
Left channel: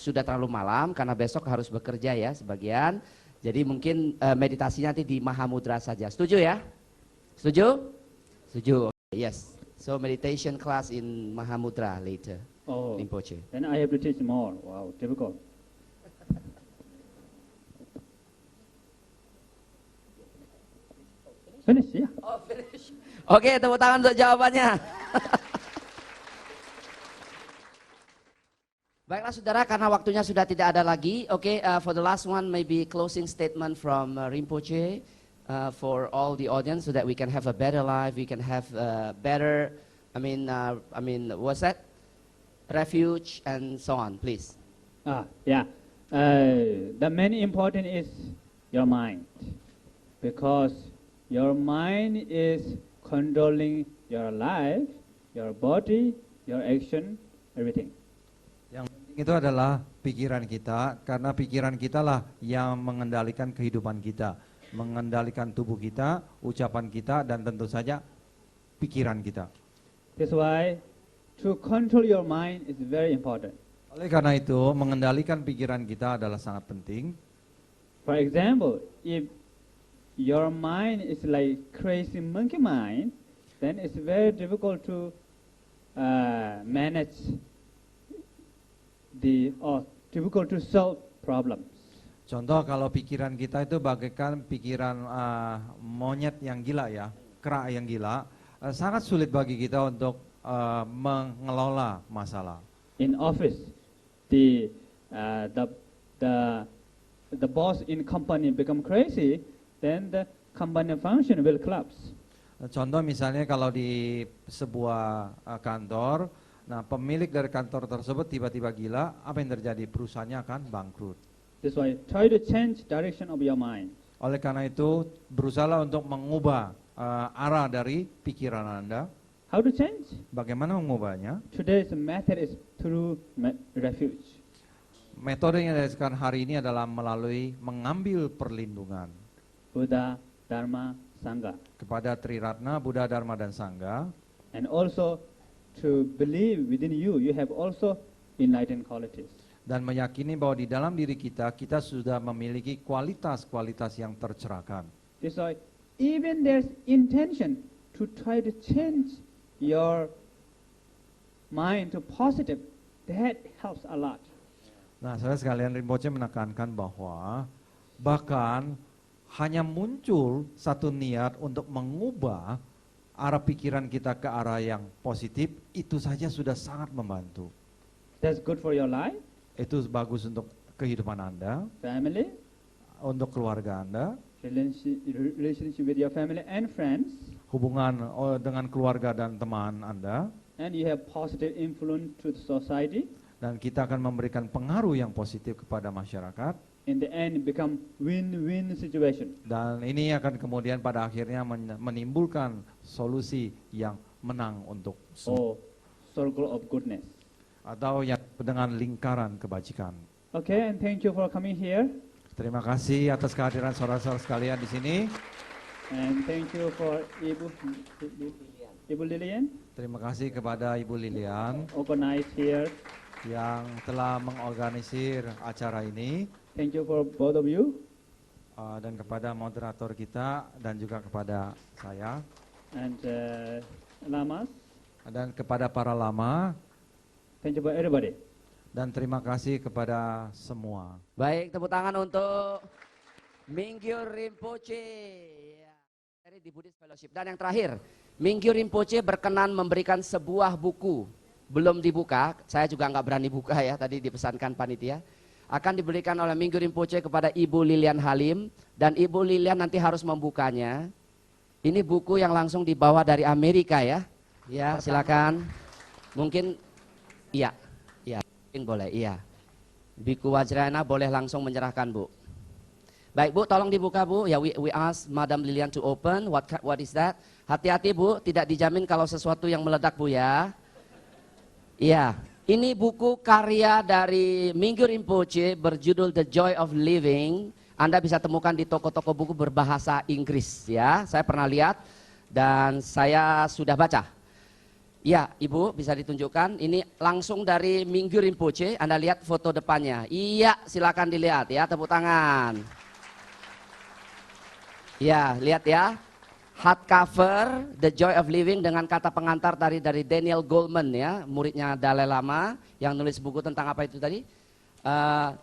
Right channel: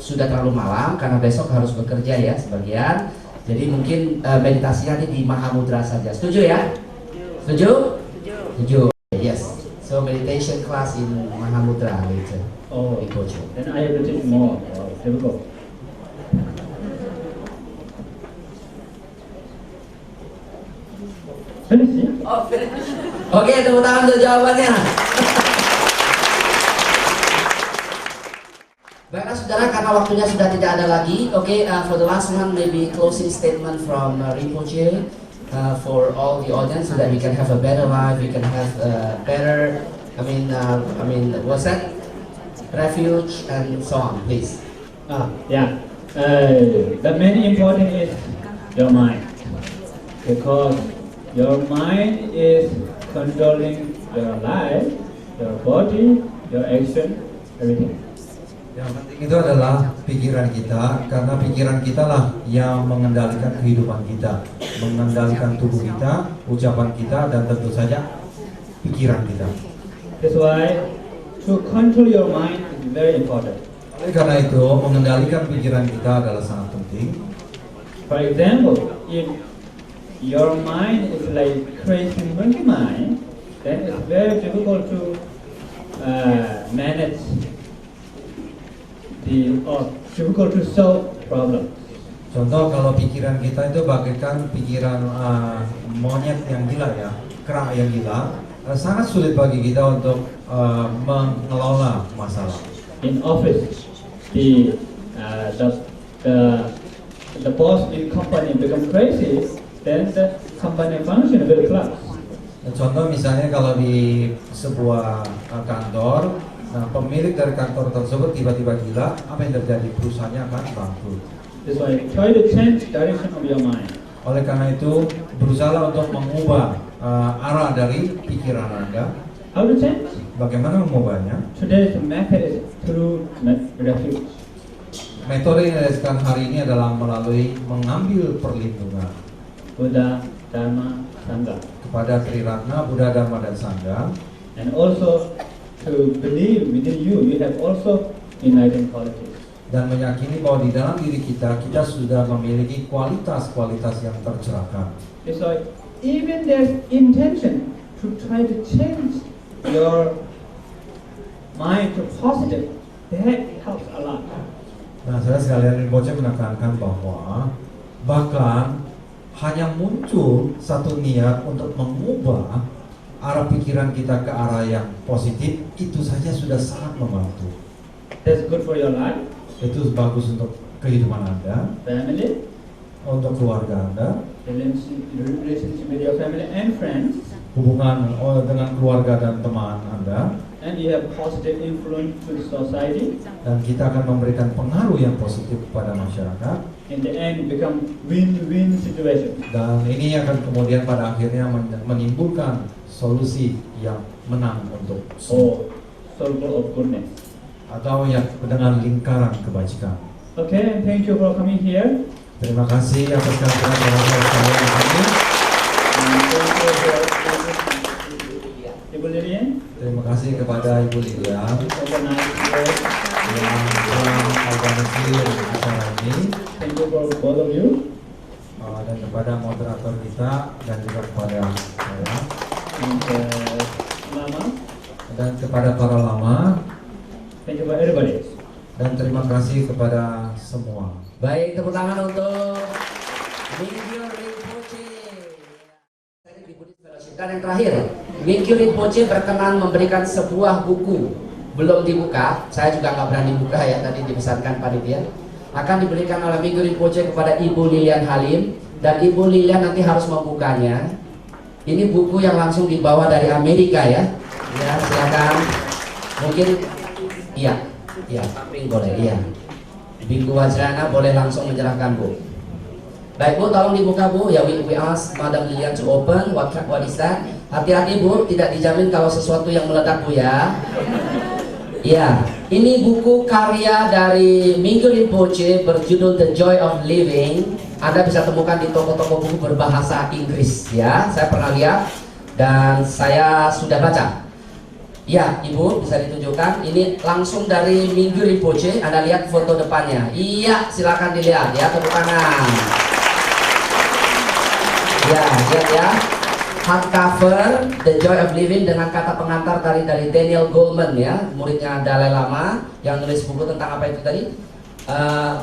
sudah terlalu malam karena besok harus bekerja ya sebagian. Jadi mungkin meditasinya nanti di Mahamudra saja. Setuju ya? Setuju? Setuju. Yes. So meditation class in Mahamudra later. Oh, Rinpoche. and I will teach more. Here we go. Finish, yeah? Oke, tepuk tangan untuk jawabannya. Baiklah saudara, karena waktunya sudah tidak ada lagi. Oke, for the last one, maybe closing statement from Rinpoche for all the audience, so that we can have a better life, we can have a better, what's that? Refuge and so on, please. Yeah. The main important is your mind, because your mind is controlling your life, your body, your action, everything. Yang penting itu adalah pikiran kita, karena pikiran kita lah yang mengendalikan kehidupan kita, mengendalikan tubuh kita, ucapan kita, dan tentu saja pikiran kita. That's why to control your mind is very important. Oleh karena itu, mengendalikan pikiran kita adalah sangat penting. For example, if your mind is like crazy monkey mind, then it's very difficult to manage difficult to solve problems. Contoh kalau pikiran kita itu bagaikan pikiran monyet yang gila ya, kera yang gila, sangat sulit bagi kita untuk mengelola masalah. In office, the boss in company become crazy, That's the combined function of the class. Contoh misalnya kalau di sebuah kantor, pemilik dari kantor tersebut tiba-tiba gila, apa yang terjadi? Perusahaannya akan bangkrut. That's why try to change direction of your mind. Oleh karena itu, berusaha untuk mengubah arah dari pikiran Anda. How to change? Bagaimana mengubahnya? Today's method is through refuge. Metode yang dilakukan hari ini adalah melalui mengambil perlindungan Buddha, Dharma, Sangha. kepada Triratna, Buddha, Dharma, dan Sangha. And also to believe within you, you have also enlightened qualities. Dan meyakini bahwa di dalam diri kita sudah memiliki kualitas-kualitas yang tercerahkan. Because even there's intention to try to change your mind to positive, that helps a lot. Nah, saya sekalian Rinpoche menekankan bahwa bahkan hanya muncul satu niat untuk mengubah arah pikiran kita ke arah yang positif, itu saja sudah sangat membantu. That's good for your life, Itu bagus untuk kehidupan Anda, family, untuk keluarga Anda, relationship with your family and friends, hubungan dengan keluarga dan teman Anda, and you have positive influence to the society. dan kita akan memberikan pengaruh yang positif kepada masyarakat. In the end, it become win-win situation. Dan ini akan kemudian pada akhirnya menimbulkan solusi yang menang untuk semua, Circle of goodness. atau yang dengan lingkaran kebajikan. Okay, thank you for coming here. Terima kasih atas kehadiran kalian di sini. And thank you for Ibu Lilian. Terima kasih kepada Ibu Lilian Organize here. yang telah mengorganisir acara ini, Thank you for both of you. dan kepada moderator kita, dan juga kepada saya, And Mama. dan kepada para lama, Thank you for everybody. dan terima kasih kepada semua. Baik, tepuk tangan untuk Mingyur Rinpoche. Dan yang terakhir, Mingyur Rinpoche berkenan memberikan sebuah buku. Belum dibuka, saya juga nggak berani buka ya, tadi dipesankan panitia. Akan diberikan oleh Mingyur Rinpoche kepada Ibu Lilian Halim, dan Ibu Lilian nanti harus membukanya. Ini buku yang langsung dibawa dari Amerika ya. Ya, silakan. Mungkin iya, samping boleh, iya. Biku Wajrana boleh langsung menyerahkan Bu. Baik Bu, tolong dibuka Bu. Ya, we ask Madam Lilian to open. What is that? Hati-hati Bu, tidak dijamin kalau sesuatu yang meledak Bu ya. Ya, ini buku karya dari Mingyur Rinpoche berjudul The Joy of Living. Anda bisa temukan di toko-toko buku berbahasa Inggris ya. Saya pernah lihat dan saya sudah baca. Ya, Ibu bisa ditunjukkan. Ini langsung dari Mingyur Rinpoche. Anda lihat foto depannya. Iya, silakan dilihat ya, tepuk tangan. Ya, lihat ya. Hardcover The Joy of Living dengan kata pengantar dari Daniel Goleman ya, muridnya Dalai Lama yang nulis buku tentang apa itu tadi?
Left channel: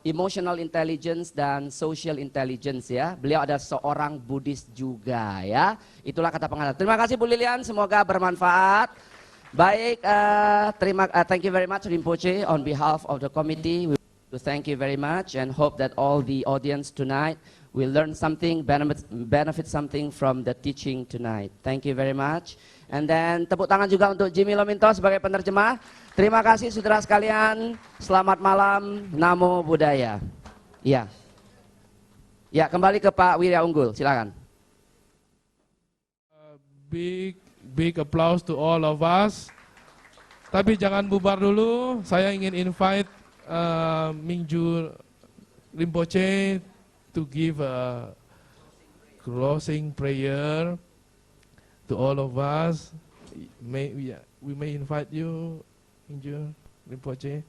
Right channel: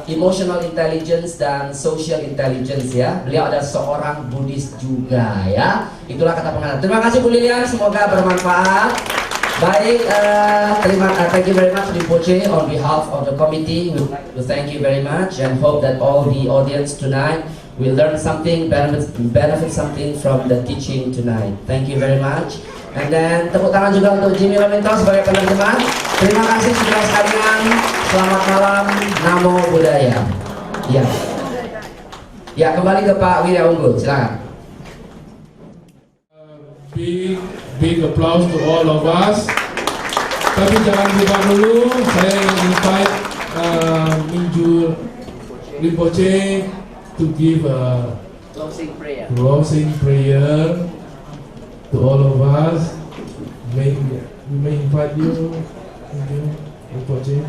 Emotional Intelligence dan Social Intelligence ya. Beliau adalah seorang Buddhis juga ya. Itulah kata pengantar. Terima kasih Bu Lilian, semoga bermanfaat. Baik, thank you very much Rinpoche. On behalf of the committee, we would like to thank you very much and hope that all the audience tonight will learn something, benefit something from the teaching tonight. Thank you very much. And then tepuk tangan juga untuk Jimmy Wellington sebagai penerjemah. Terima kasih saudara sekalian. Selamat malam. Namo Buddhaya. Ya. Ya, kembali ke Pak Wirya Unggul. Silakan. Big applause to all of us. Tapi jangan lupa dulu, saya ingin invite Mingyur Rinpoche to give a closing prayer to all of us. We may invite you, Rinpoche.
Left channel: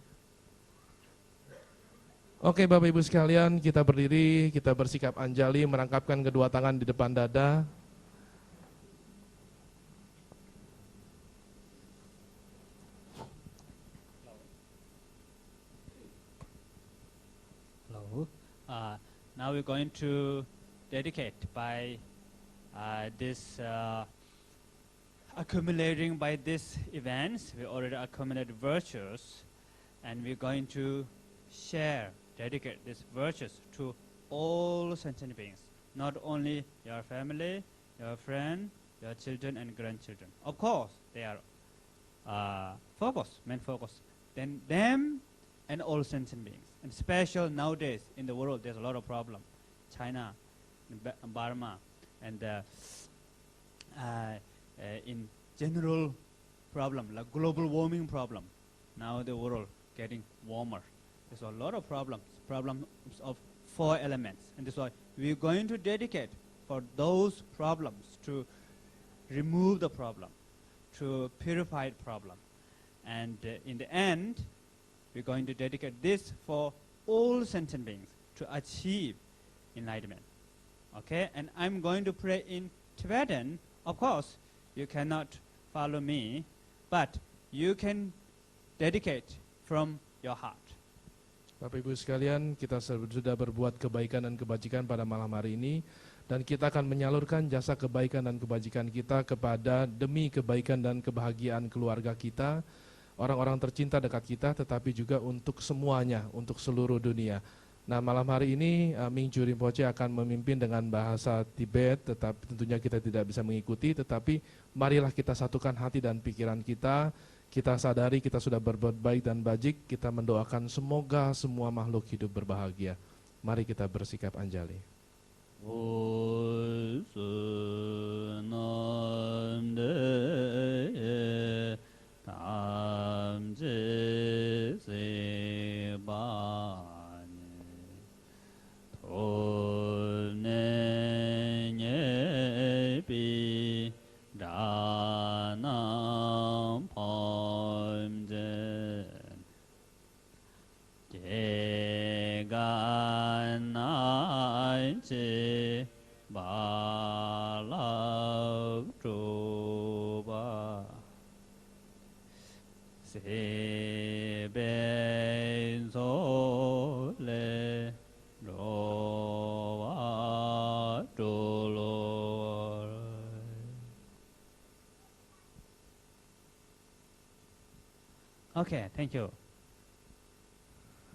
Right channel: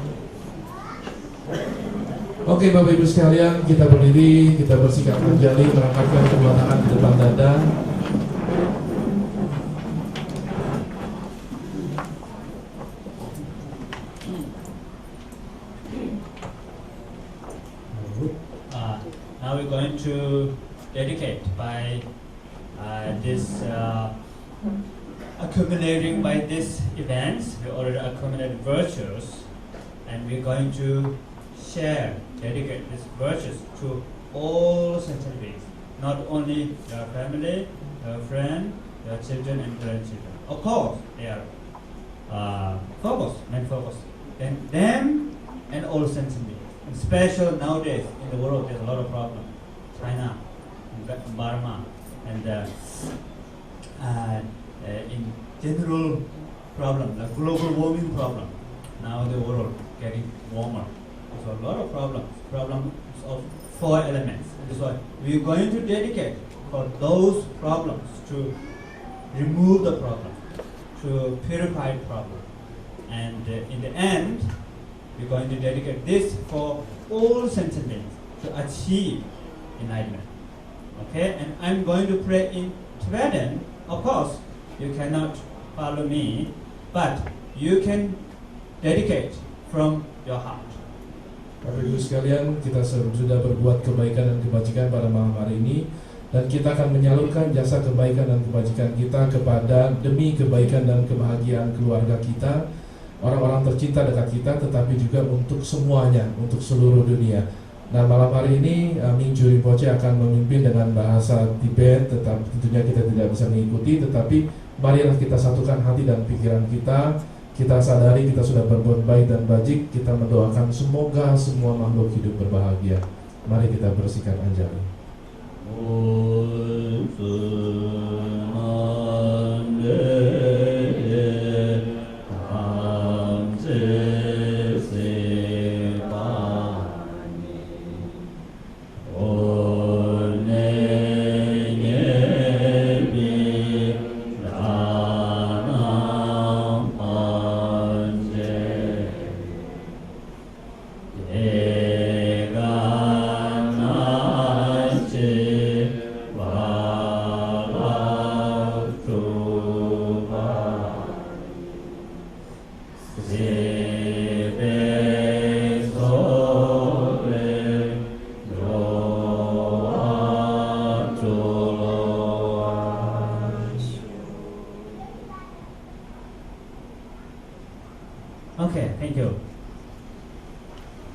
Oke, Bapak Ibu sekalian, kita berdiri, kita bersikap terjadi, mengangkatkan kedua tangan ke depan dada. Now we're going to dedicate by accumulating by these events. We already accumulated virtues, and we're going to dedicate these virtues to all centuries. not only your family, your friend, your children and grandchildren. Of course, they are main focus. Then them and all sensitive. Special nowadays in the world, there's a lot of problems. China, Burma, and in general problem, the global warming problem. Now the world getting warmer. So a lot of problems. Problems of 4 elements. That's why we're going to dedicate for those problems to remove the problem, to purify the problem. And in the end, we're going to dedicate this for all sentient beings to achieve enlightenment. Okay? And I'm going to pray in Tibetan. Of course, you cannot follow me, but you can dedicate from your heart. Bapak Ibu sekalian, kita sudah berbuat kebaikan dan kebajikan pada malam hari ini, dan kita akan menyalurkan jasa kebaikan dan kebajikan kita kepada demi kebaikan dan kebahagiaan keluarga kita, orang-orang tercinta dekat kita, tetapi juga untuk semuanya, untuk seluruh dunia. Nah, malam hari ini Ming Ju Rinpoche akan memimpin dengan bahasa Tibet, tetapi tentunya kita tidak bisa mengikuti, tetapi marilah kita satukan hati dan pikiran kita. Kita sadari kita sudah berbuat baik dan bajik, kita mendoakan semoga semua makhluk hidup berbahagia. Mari kita bersihkan anjali. Okay, thank you.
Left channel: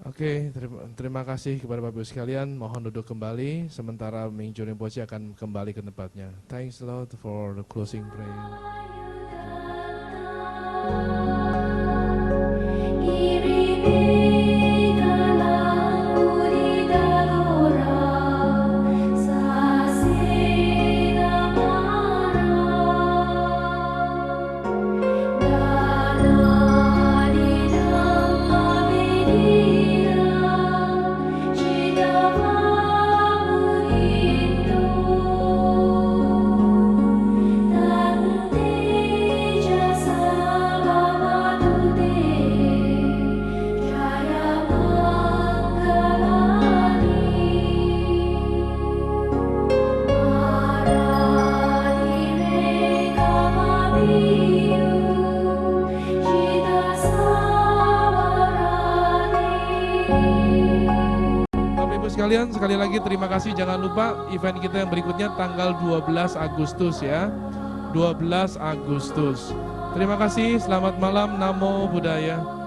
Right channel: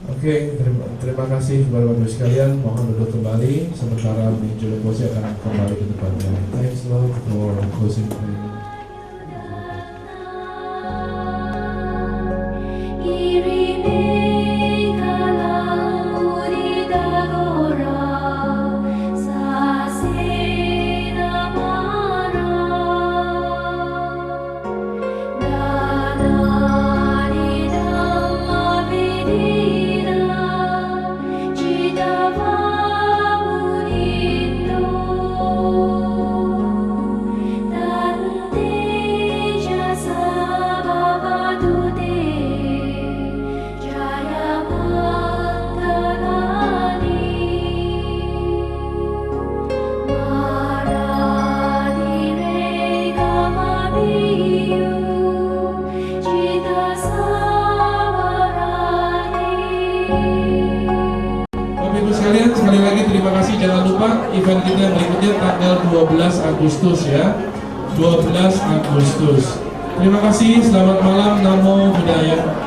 Oke, terima kasih Bapak Ibu sekalian. Mohon duduk kembali sementara Ming Ju Rinpoche akan kembali ke depannya. Thanks Lord for closing prayer. Sekali lagi terima kasih, jangan lupa event kita berikutnya tanggal 12 Agustus ya, 12 Agustus. Terima kasih, selamat malam, Namo Buddhaya.